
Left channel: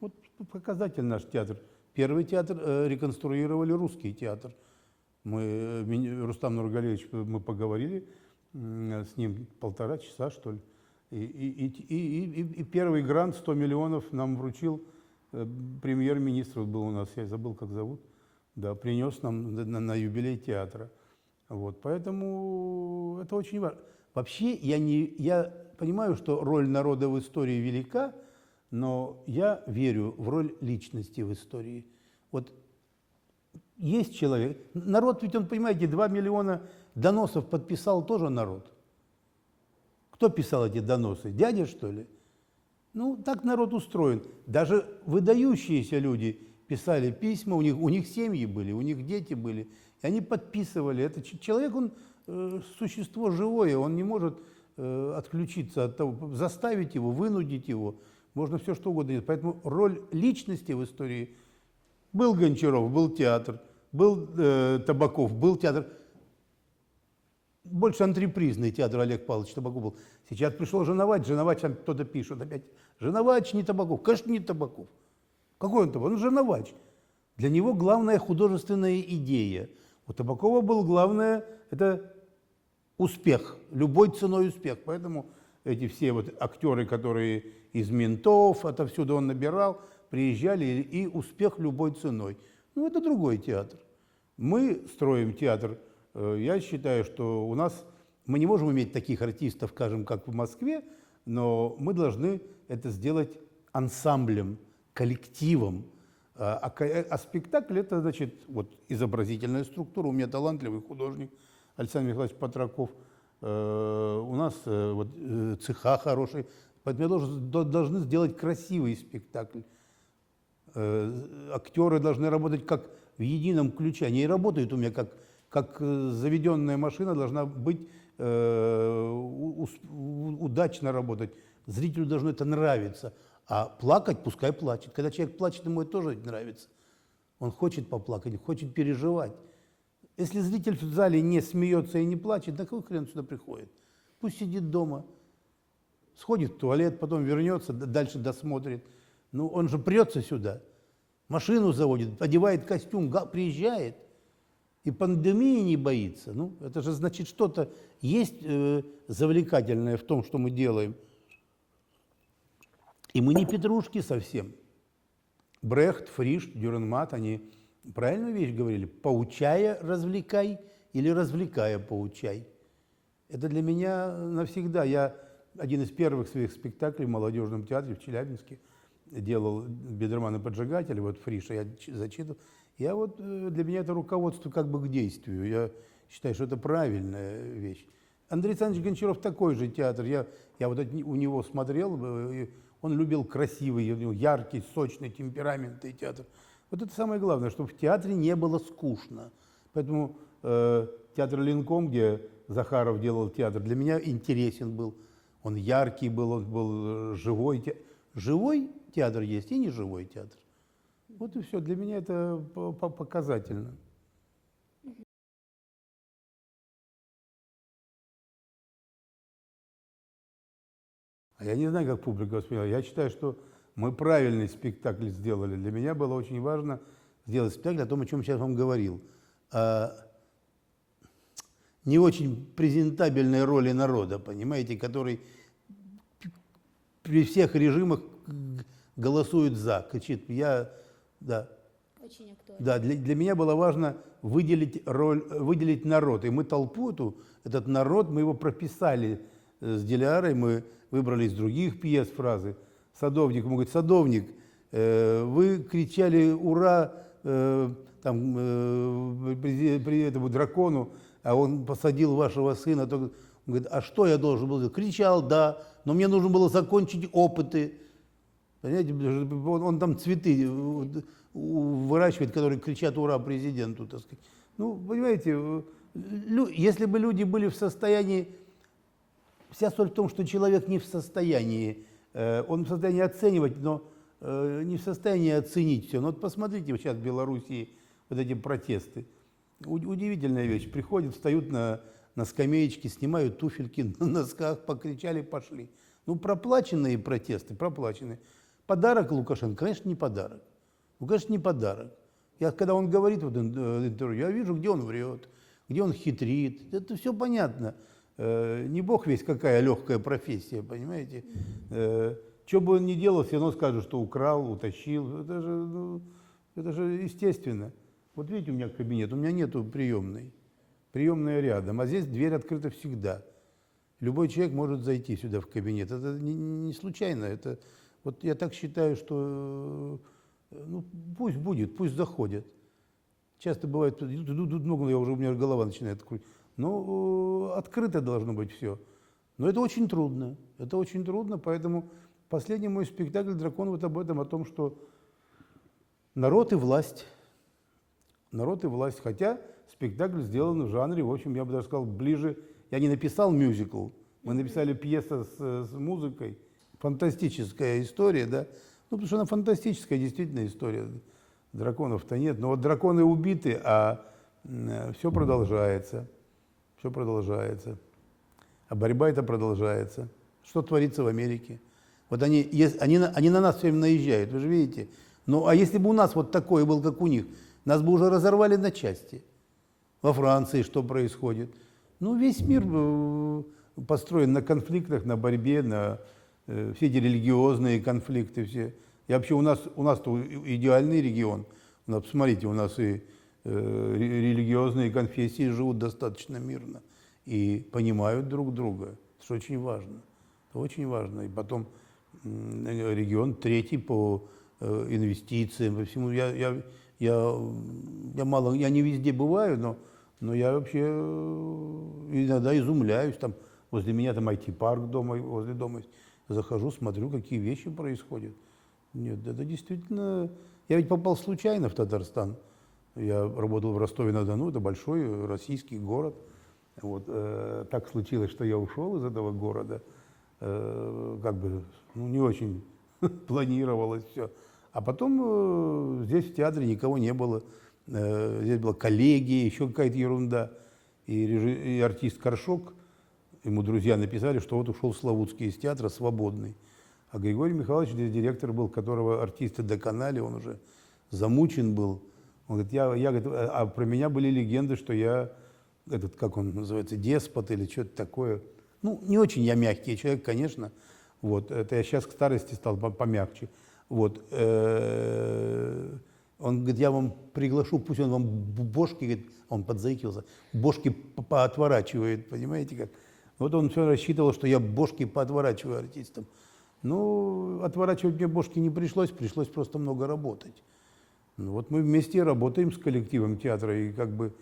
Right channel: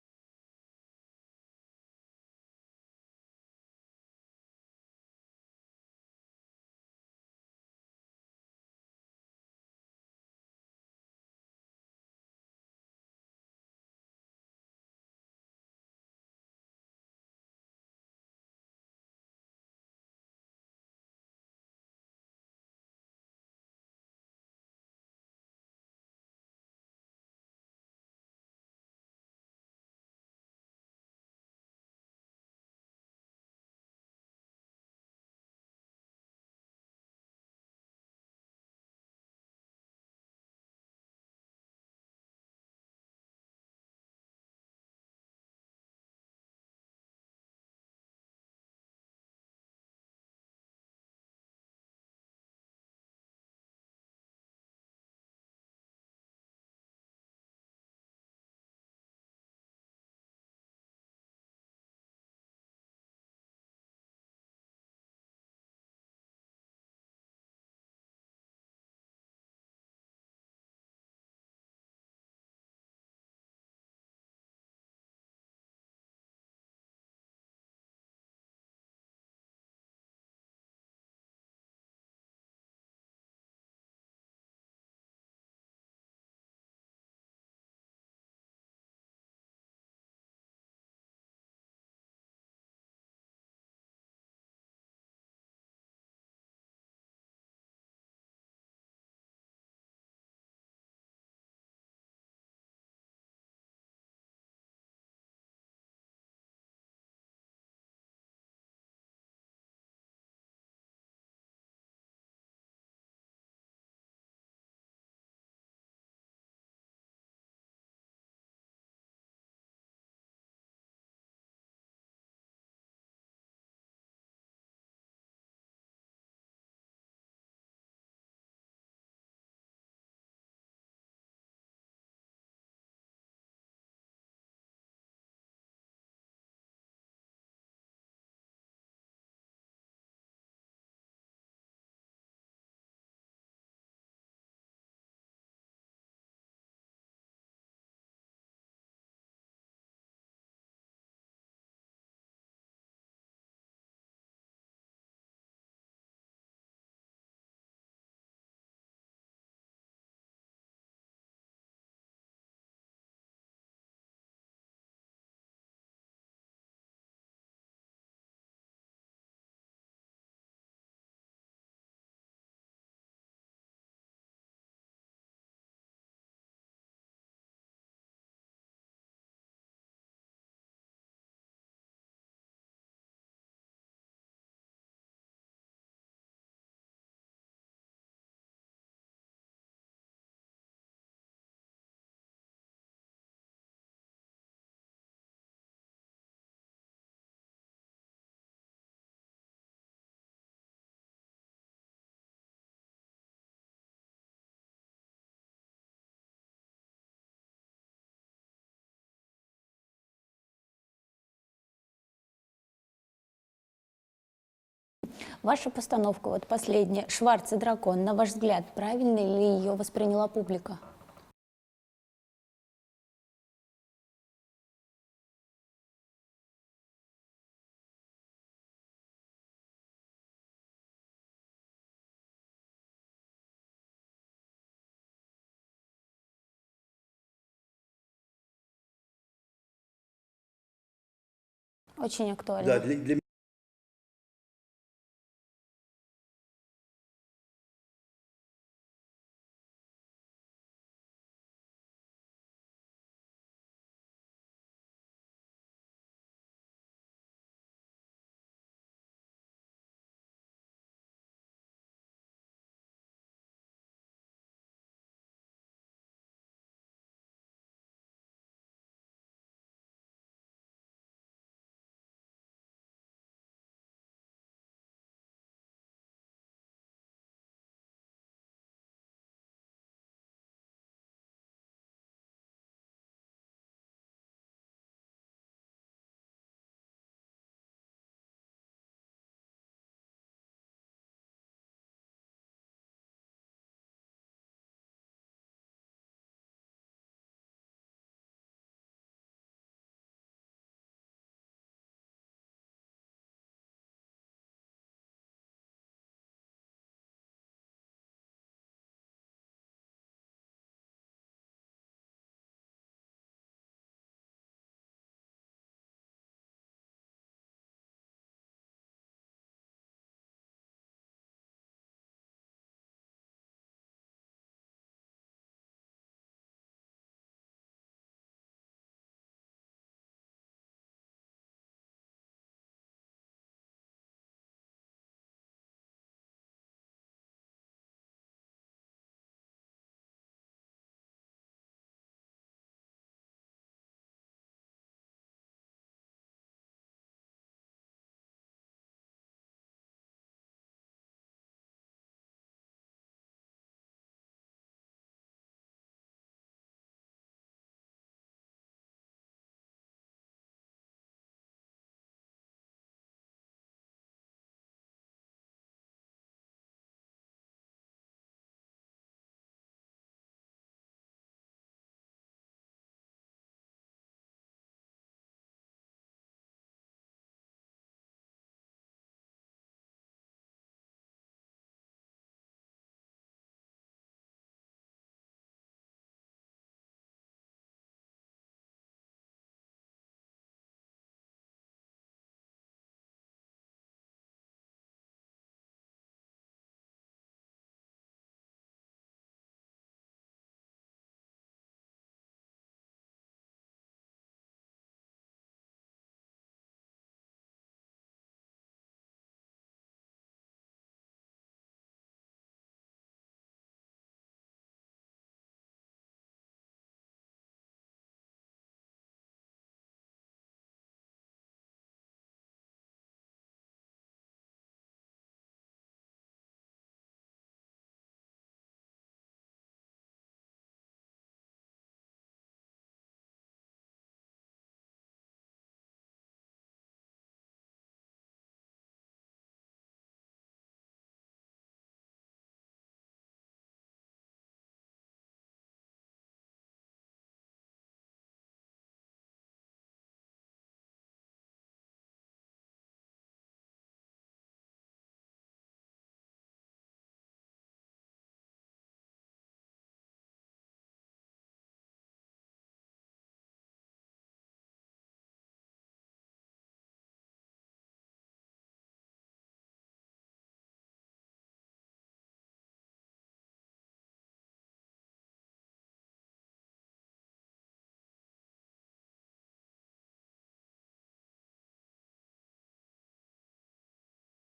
Вот показатель наш театр. Первый театр реконструировали русский театр. Рустам Нургалиевич, мы поговорили с ним 1,5 часа, что ли. И первый грант 100 миллионов нам вручил премьер-министр, был у нас, я забыл, как зовут, да, принес нам на юбилей театра. Вот, поэтому это очень важно. Вообще я понимаю, что роль народа в истории велика, но я верю в роль личности в истории. Вот есть человек, народ ведь, он, понимаете, 2 миллиона доносов подписал тоже народ. Кто писал эти доносы? Дядя, что ли? Ну, так народ устроен. Даже выдающиеся люди писали письма, у них семьи были, у них дети были, и они подписывали. Это человек, он существо живое, он не может отключиться от того, заставить его, вынудить его, можно все что угодно. Поэтому роль личности в истории: был Гончаров, был театр, был Табаков, был театр. Больше антрепризный театр Олег Павлович Табаков был. Сейчас пришел Женовач, там кто-то пишет опять: Женовач не Табаков. Конечно, не Табаков. Какой он Табаков? Он Женовач. Для него главная художественная идея. У Табакова был главное – это успех, любой ценой успех. Поэтому эти все вот актеры, которые из «Ментов», отовсюду он набирал, приезжали, и успех любой ценой. Ну, это другой театр. Мы строим театр. Я считаю, что у нас, мы не можем иметь таких артистов, скажем, как в Москве, но мы должны это сделать ансамблем, коллективом. А спектакль – это, значит, вот изобразительная структура. У меня талантливый художник Александр Михайлович Патраков. У нас вот цеха хороший. Поэтому должны сделать красивый спектакль. Актеры должны работать как в едином ключе. Они и работают у меня как заведенная машина, должна быть удачно работать. Зрителю должно это нравиться. А плакать пускай плачет. Когда человек плачет, ему это тоже нравится. Он хочет поплакать, хочет переживать. Если зритель в зале не смеется и не плачет, на какой хрен сюда приходит? Пусть сидит дома, сходит в туалет, потом вернется, дальше досмотрит. Ну, он же прется сюда, машину заводит, одевает костюм, приезжает. И пандемии не боится. Ну, это же значит, что-то есть завлекательное в том, что мы делаем. И мы не петрушки совсем. Брехт, Фриш, Дюренмат, они правильную вещь говорили: поучая, развлекай, или развлекая, поучай. Это для меня навсегда. Я один из первых своих спектаклей в молодежном театре в Челябинске делал «Бедерман и поджигатель», вот Фриша я зачитывал. Я вот, для меня это руководство как бы к действию. Я считаю, что это правильная вещь. Андрей Александрович Гончаров такой же театр. Я вот у него смотрел, он любил красивый, яркий, сочный, темпераментный театр. Вот это самое главное, чтобы в театре не было скучно. Поэтому театр Ленком, где Захаров делал театр, для меня интересен был. Он яркий был, он был живой. Живой театр есть и неживой театр. Вот и все. Для меня это показательно. Ваша постановка, вот последняя, «Шварц и дракон», на ваш взгляд, правильно ли ее восприняла публика? А я не знаю, как публика восприняла. Я считаю, что мы правильный спектакль сделали. Для меня было очень важно сделать спектакль о том, о чем я сейчас вам говорил. Не очень презентабельной роли народа, понимаете, который при всех режимах голосует «за», кричит да. Очень актуально. Да, для меня было важно выделить народ. И мы толпу этот народ, мы его прописали с Дилярой, мы выбрали из других пьес фразы. Садовник, ему говорит: садовник, вы кричали «Ура!» при этому дракону, а он посадил вашего сына. Он говорит: а что я должен был делать? Кричал, да, но мне нужно было закончить опыты. Понимаете, он там цветы выращивает, которые кричат «Ура!» президенту, так сказать. Ну, понимаете, если бы люди были в состоянии... Вся соль в том, что человек не в состоянии, он в состоянии оценивать, но не в состоянии оценить все. Ну вот посмотрите, вот сейчас в Белоруссии вот эти протесты. Удивительная вещь. Приходят, встают на скамеечке, снимают туфельки на носках, покричали, пошли. Ну, проплаченные протесты, проплаченные. Подарок Лукашенко? Конечно, не подарок. Ну, конечно, не подарок. Когда он говорит в интервью, я вижу, где он врет, где он хитрит. Это все понятно. Не бог весть какая легкая профессия, понимаете. Что бы он ни делал, все равно скажут, что украл, утащил. Это же естественно. Вот видите, у меня кабинет, у меня нету приемной. Приемная рядом, а здесь дверь открыта всегда. Любой человек может зайти сюда в кабинет. Это не случайно. Вот я так считаю, что ну, пусть будет, пусть заходят. Часто бывает, идут много, у меня голова начинает крутить. Но открыто должно быть все. Но это очень трудно, поэтому последний мой спектакль «Дракон» вот об этом, о том, что народ и власть. Народ и власть. Хотя спектакль сделан в жанре, в общем, я бы даже сказал, ближе. Я не написал мюзикл, мы написали пьесу с музыкой. Фантастическая история, да? Ну, потому что она фантастическая, действительно, история. Драконов-то нет. Но вот драконы убиты, а все продолжается. Все продолжается. А борьба эта продолжается. Что творится в Америке? Вот они на нас все время наезжают, вы же видите. Ну, а если бы у нас вот такой был, как у них, нас бы уже разорвали на части. Во Франции что происходит? Ну, весь мир построен на конфликтах, на борьбе, на все эти религиозные конфликты. Все. И вообще у нас идеальный регион. Посмотрите, у нас и религиозные конфессии живут достаточно мирно и понимают друг друга. Это же очень важно. Это очень важно. И потом регион третий по инвестициям, по всему. Я не везде бываю, но я вообще иногда изумляюсь. Там возле меня там IT-парк дома, возле дома. Захожу, смотрю, какие вещи происходят. Нет, это действительно... Я ведь попал случайно в Татарстан. Я работал в Ростове-на-Дону, это большой российский город. Вот, так случилось, что я ушел из этого города. Как бы, ну, не очень планировалось все. А потом здесь в театре никого не было. Здесь была коллегия, еще какая-то ерунда. И артист Коршок, ему друзья написали, что вот ушел Славутский из театра свободный. А Григорий Михайлович здесь директор был, которого артисты доконали, он уже замучен был. Он говорит, а про меня были легенды, что я, как он называется, деспот или что-то такое. Ну, не очень я мягкий человек, конечно. Вот, это я сейчас к старости стал помягче. Вот, он говорит, я вам приглашу, пусть он вам бошки, говорит, он подзаикивался, бошки поотворачивает, понимаете как? Вот он все рассчитывал, что я бошки поотворачиваю артистам. Ну, отворачивать мне бошки не пришлось, пришлось просто много работать. Ну, вот мы вместе работаем с коллективом театра, и как бы,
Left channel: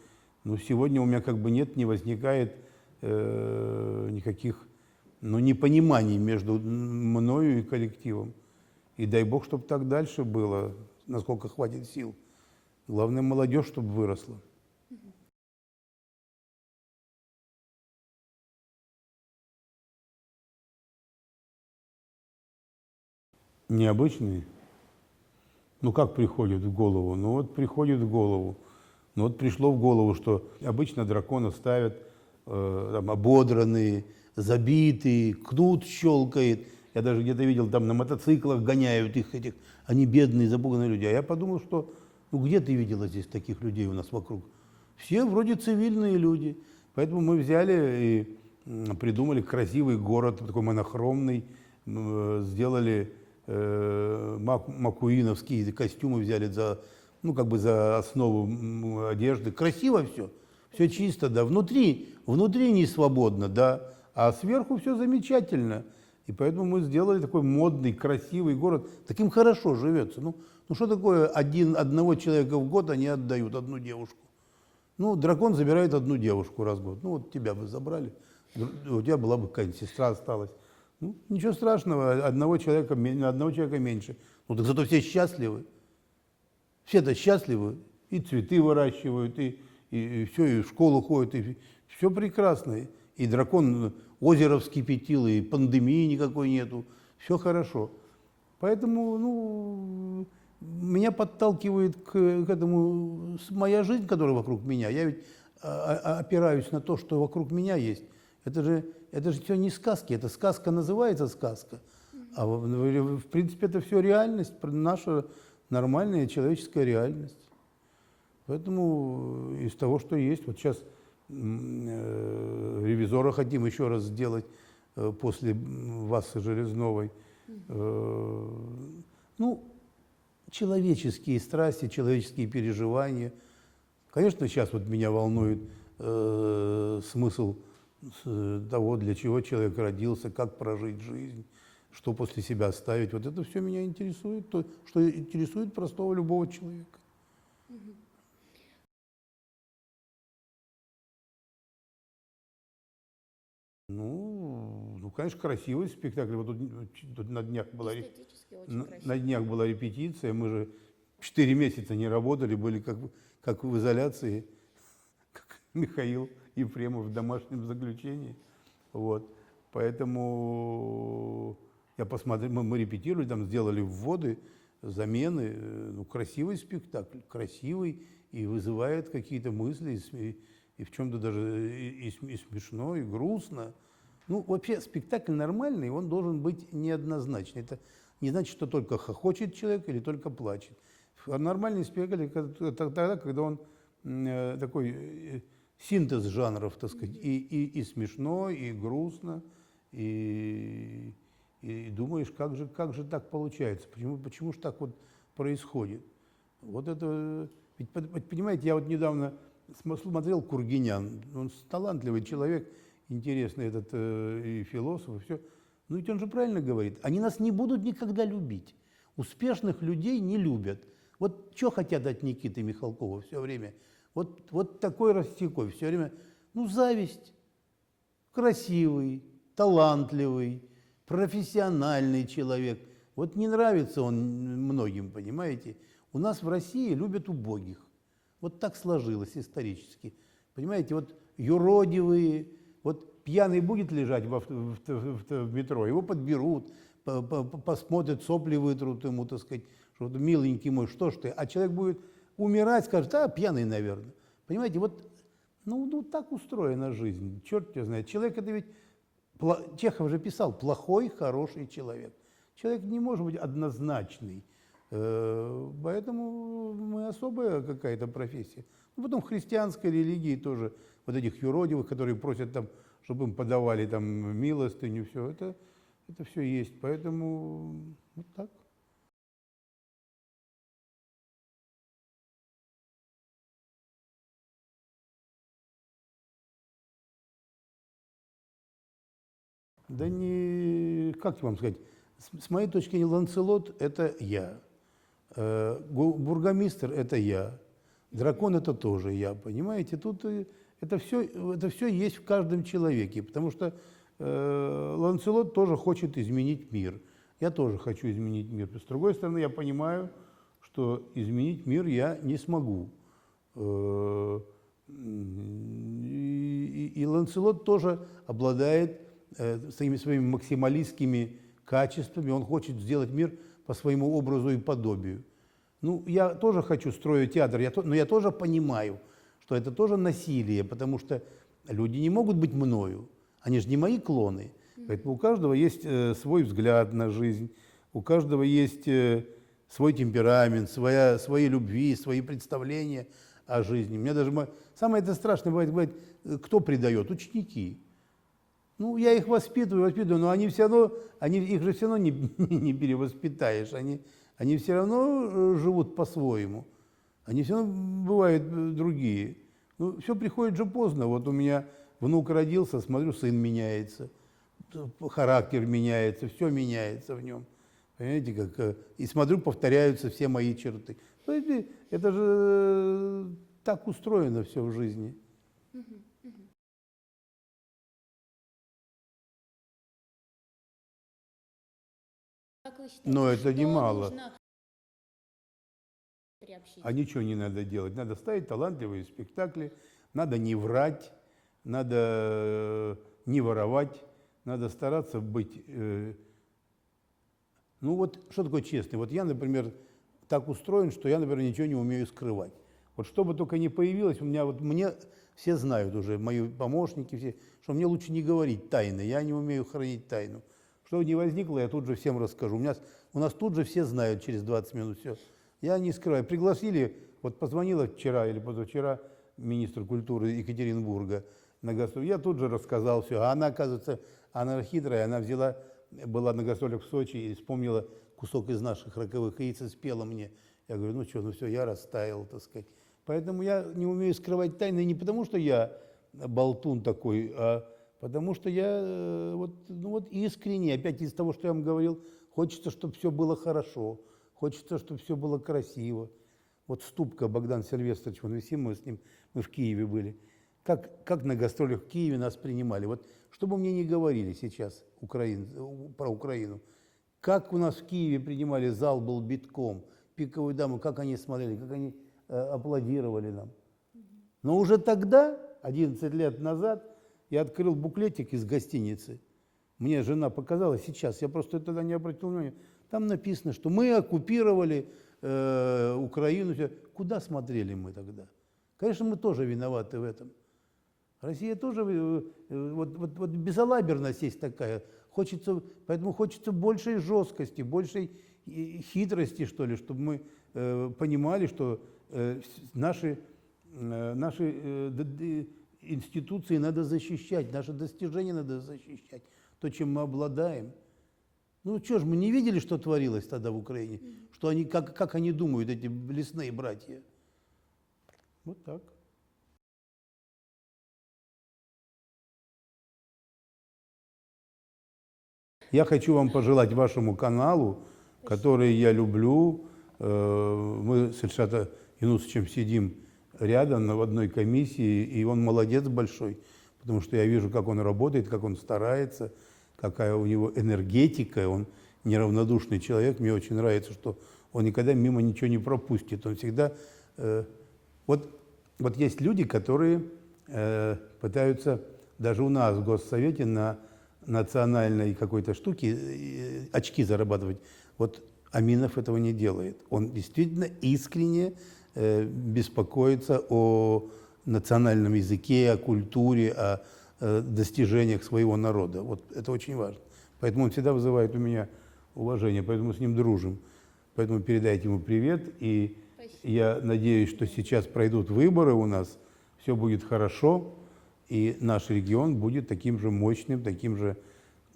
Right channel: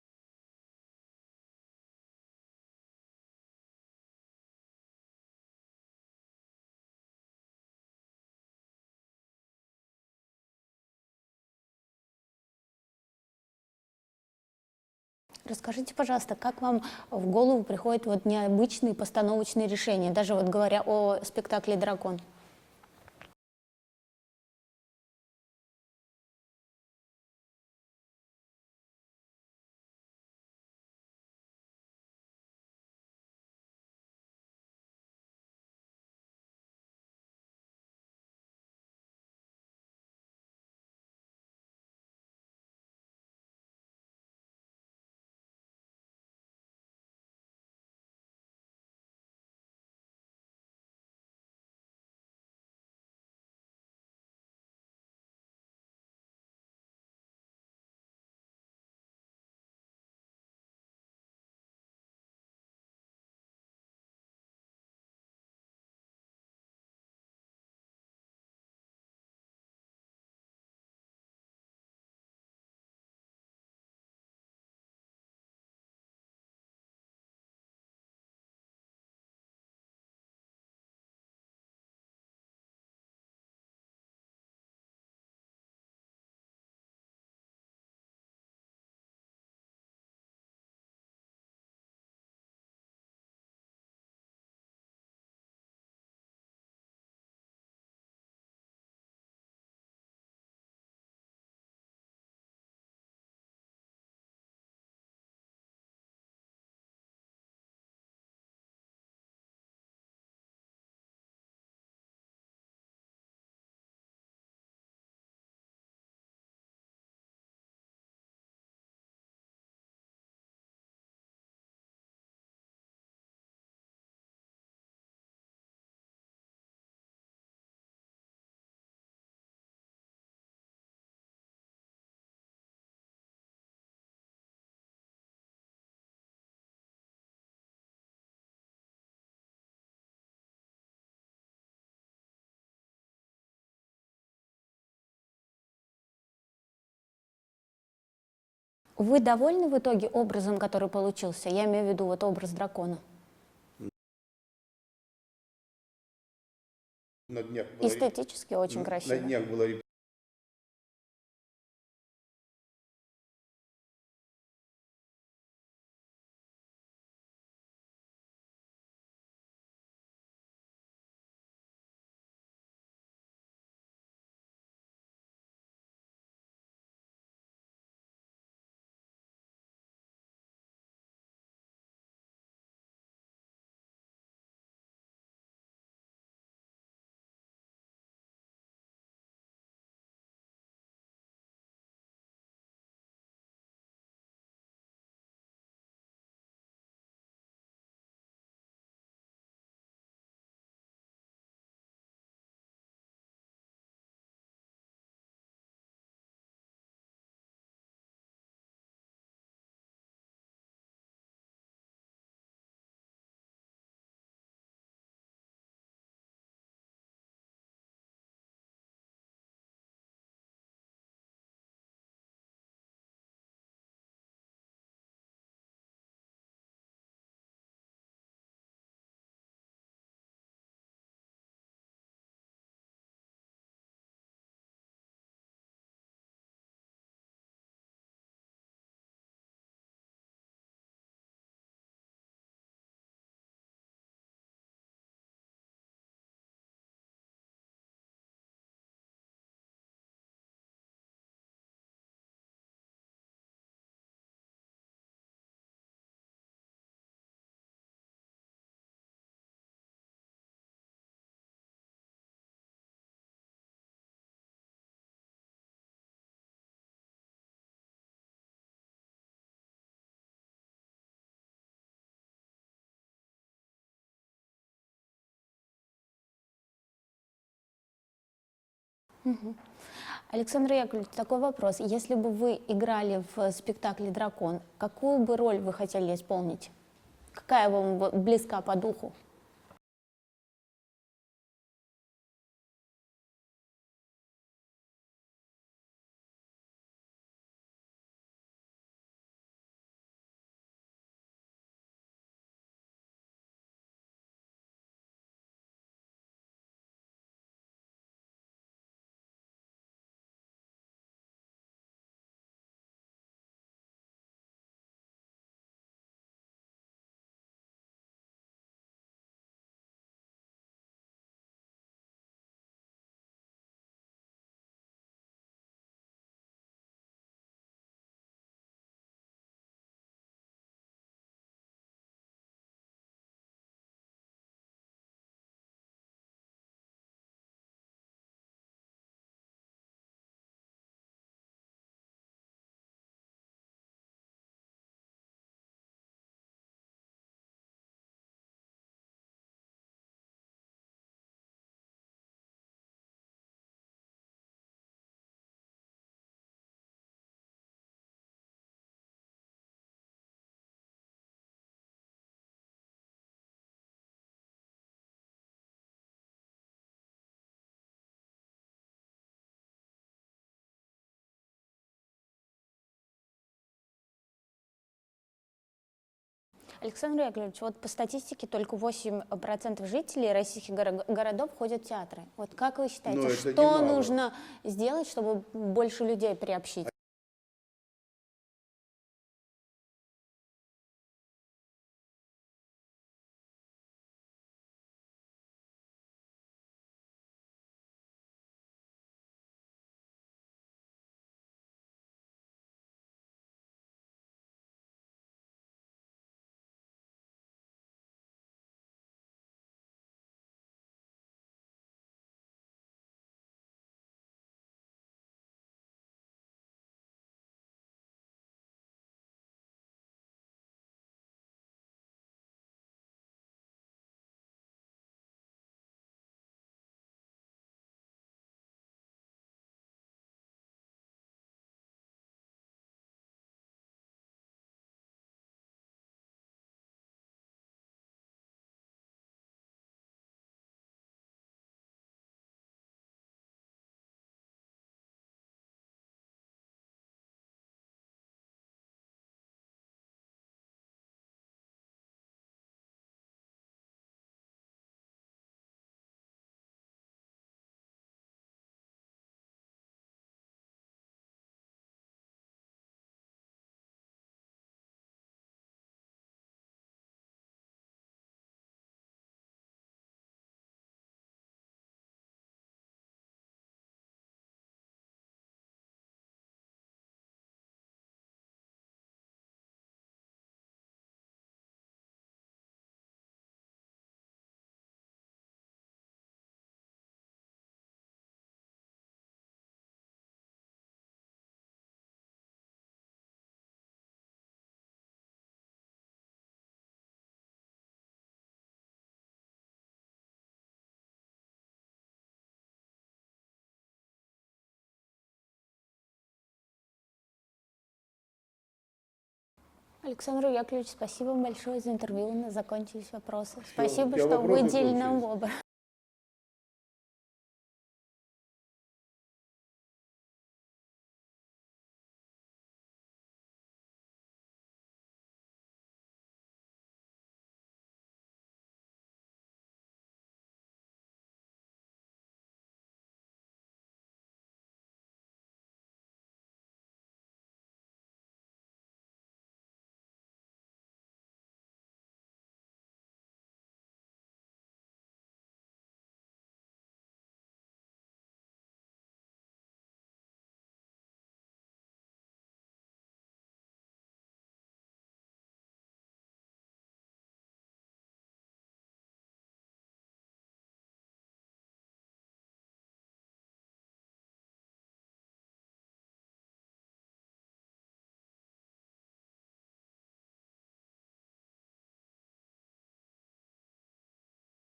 ну, сегодня у меня как бы не возникает никаких, ну, непониманий между мною и коллективом. И дай бог, чтобы так дальше было, насколько хватит сил. Главное, молодежь, чтобы выросла. Расскажите, пожалуйста, как вам в голову приходят вот необычные постановочные решения, даже вот говоря о спектакле «Дракон»? Необычные? Ну, как приходит в голову? Ну, вот приходит в голову. Ну, вот пришло в голову, что обычно дракона ставят там, ободранные, забитые, кнут щелкает. Я даже где-то видел, там на мотоциклах гоняют их этих. Они бедные, запуганные люди. А я подумал, что, ну, где ты видела здесь таких людей у нас вокруг? Все вроде цивильные люди. Поэтому мы взяли и придумали красивый город, такой монохромный, сделали маккуиновские костюмы, взяли за, ну, как бы за основу одежды. Красиво все, все чисто, да. Внутри не свободно, да, а сверху все замечательно. И поэтому мы сделали такой модный, красивый город. Таким хорошо живется. Ну что такое одного человека в год они отдают, одну девушку? Ну, дракон забирает одну девушку раз в год. Ну, вот тебя бы забрали, у тебя была бы какая-нибудь сестра осталась. Ну, ничего страшного, одного человека меньше. Ну, так зато все счастливы. Все-то счастливы. И цветы выращивают, и все, и в школу ходят, и все прекрасно. И дракон озеро вскипятил, и пандемии никакой нету. Все хорошо. Поэтому, ну, меня подталкивает к этому моя жизнь, которая вокруг меня. Я ведь опираюсь на то, что вокруг меня есть. Это же все не сказки, это сказка называется сказка. А в принципе это все реальность, наша нормальная человеческая реальность. Поэтому из того, что есть, вот сейчас «Ревизора» хотим еще раз сделать после Васы Железновой. Ну, человеческие страсти, человеческие переживания. Конечно, сейчас вот меня волнует смысл того, для чего человек родился, как прожить жизнь, что после себя оставить. Вот это все меня интересует, то, что интересует простого любого человека. Вы довольны в итоге образом, который получился? Я имею в виду вот образ дракона. Ну, конечно, красивый спектакль. Вот тут на днях была Эстетически очень на красиво. днях была репетиция, мы же 4 месяца не работали, были как в изоляции, как Михаил Ефремов в домашнем заключении. Вот. Поэтому я посмотрел, мы репетировали, там сделали вводы, замены. Ну, красивый спектакль, красивый и вызывает какие-то мысли, и в чем-то даже и смешно, и грустно. Ну, вообще спектакль нормальный, он должен быть неоднозначный. Это не значит, что только хохочет человек или только плачет. Нормальный спектакль это тогда, когда он такой синтез жанров, так сказать, и смешно, и грустно, и думаешь, как же так получается, почему же так вот происходит. Вот это, ведь, понимаете, я вот недавно смотрел Кургинян, он талантливый человек, интересный этот и философ, и все. Ну ведь он же правильно говорит, они нас не будут никогда любить. Успешных людей не любят. Вот что хотят от Никиты Михалкова все время? Вот такой Растякой все время, ну, зависть. Красивый, талантливый, профессиональный человек. Вот не нравится он многим, понимаете? У нас в России любят убогих. Вот так сложилось исторически. Понимаете, вот юродивые, вот пьяный будет лежать в метро, его подберут, посмотрят, сопли вытрут ему, так сказать, что миленький мой, что ж ты? А человек будет умирать, скажет, а, пьяный, наверное. Понимаете, вот, ну так устроена жизнь, черт тебя знает. Человек это ведь, Чехов же писал, плохой, хороший человек. Человек не может быть однозначный. Поэтому мы особая какая-то профессия. Ну, потом в христианской религии тоже вот этих юродивых, которые просят там, чтобы им подавали там милостыню, все это все есть. Поэтому вот так. Александр Яковлевич, такой вопрос. Если бы вы играли в спектакле «Дракон», какую бы роль вы хотели исполнить? Какая вам близка по духу? Да не, как вам сказать, с моей точки зрения, Ланселот – это я. Бургомистр – это я, дракон – это тоже я, понимаете? Тут это все есть в каждом человеке, потому что Ланселот тоже хочет изменить мир. Я тоже хочу изменить мир. С другой стороны, я понимаю, что изменить мир я не смогу. И Ланселот тоже обладает своими максималистскими качествами, он хочет сделать мир по своему образу и подобию. Ну, я тоже хочу строить театр, но я тоже понимаю, что это тоже насилие, потому что люди не могут быть мною, они же не мои клоны. Поэтому у каждого есть свой взгляд на жизнь, у каждого есть свой темперамент, свои любви, свои представления о жизни. Мне даже самое это страшное бывает, кто предает? Ученики. Ну, я их воспитываю, но они все равно, их же все равно не перевоспитаешь, они все равно живут по-своему, они все равно бывают другие. Ну, все приходит же поздно. Вот у меня внук родился, смотрю, сын меняется, характер меняется, все меняется в нем. Понимаете, как, и смотрю, повторяются все мои черты. Понимаете, это же так устроено все в жизни. Александр Яковлевич, вот по статистике только 8% жителей российских городов ходят в театры. Вот как вы считаете, что нужно сделать, чтобы больше людей приобщить? А ничего не надо делать. Надо ставить талантливые спектакли, надо не врать, надо не воровать, надо стараться быть... Ну вот что такое честный? Вот я, например, так устроен, что я, например, ничего не умею скрывать. Вот что бы только ни появилось, мне все знают уже, мои помощники, все, что мне лучше не говорить тайны, я не умею хранить тайну. Что бы ни возникло, я тут же всем расскажу. У нас тут же все знают через 20 минут все. Я не скрываю. Пригласили, вот позвонила вчера или позавчера министр культуры Екатеринбурга на гастроли. Я тут же рассказал все. А она, оказывается, она хитрая, она была на гастролях в Сочи и вспомнила кусок из наших роковых яиц и спела мне. Я говорю, ну что, ну все, я растаял, так сказать. Поэтому я не умею скрывать тайны не потому, что я болтун такой, а Потому что я вот искренне, опять из того, что я вам говорил, хочется, чтобы все было хорошо, хочется, чтобы все было красиво. Вот Ступка Богдан Сильвестрович, вон висим, мы с ним, мы в Киеве были. Как на гастролях в Киеве нас принимали. Вот что бы мне ни говорили сейчас про Украину, как у нас в Киеве принимали, зал был битком, пиковую даму, как они смотрели, как они аплодировали нам. Но уже тогда, 11 лет назад, я открыл буклетик из гостиницы. Мне жена показала сейчас, я просто тогда не обратил внимания. Там написано, что мы оккупировали Украину. Куда смотрели мы тогда? Конечно, мы тоже виноваты в этом. Россия тоже, вот безалаберность есть такая. Поэтому хочется большей жесткости, большей хитрости, что ли, чтобы мы понимали, что наши институции надо защищать, наши достижения надо защищать, то, чем мы обладаем. Ну что ж, мы не видели, что творилось тогда в Украине, что они, как они думают, эти лесные братья. Вот так. Александр Яковлевич, спасибо вам большое за интервью. У нас закончились вопросы. Спасибо, все что вопросы выделили нам кончились. выбор. Я хочу вам пожелать вашему каналу, который я люблю. Мы с Ильшатом Юнусовичем сидим рядом в одной комиссии, и он молодец большой, потому что я вижу, как он работает, как он старается, какая у него энергетика, он неравнодушный человек. Мне очень нравится, что он никогда мимо ничего не пропустит. Он всегда... Вот есть люди, которые пытаются даже у нас в Госсовете на национальной какой-то штуке очки зарабатывать. Вот Аминов этого не делает. Он действительно искренне беспокоится о национальном языке, о культуре, о достижениях своего народа. Вот это очень важно. Поэтому он всегда вызывает у меня уважение, поэтому мы с ним дружим. Поэтому передайте ему привет. И я надеюсь, что сейчас пройдут выборы у нас, все будет хорошо, и наш регион будет таким же мощным, таким же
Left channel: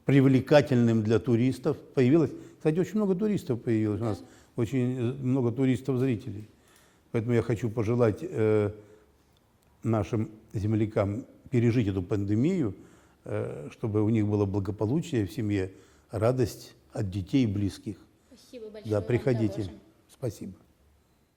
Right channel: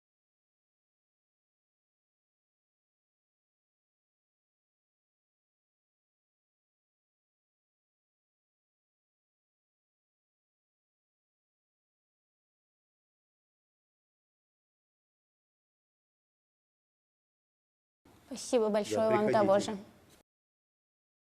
привлекательным для туристов. Кстати, очень много туристов появилось у нас, очень много туристов-зрителей. Поэтому я хочу пожелать нашим землякам пережить эту пандемию, чтобы у них было благополучие в семье, радость от детей и близких. Спасибо большое Да, вам того приходите. же. Спасибо.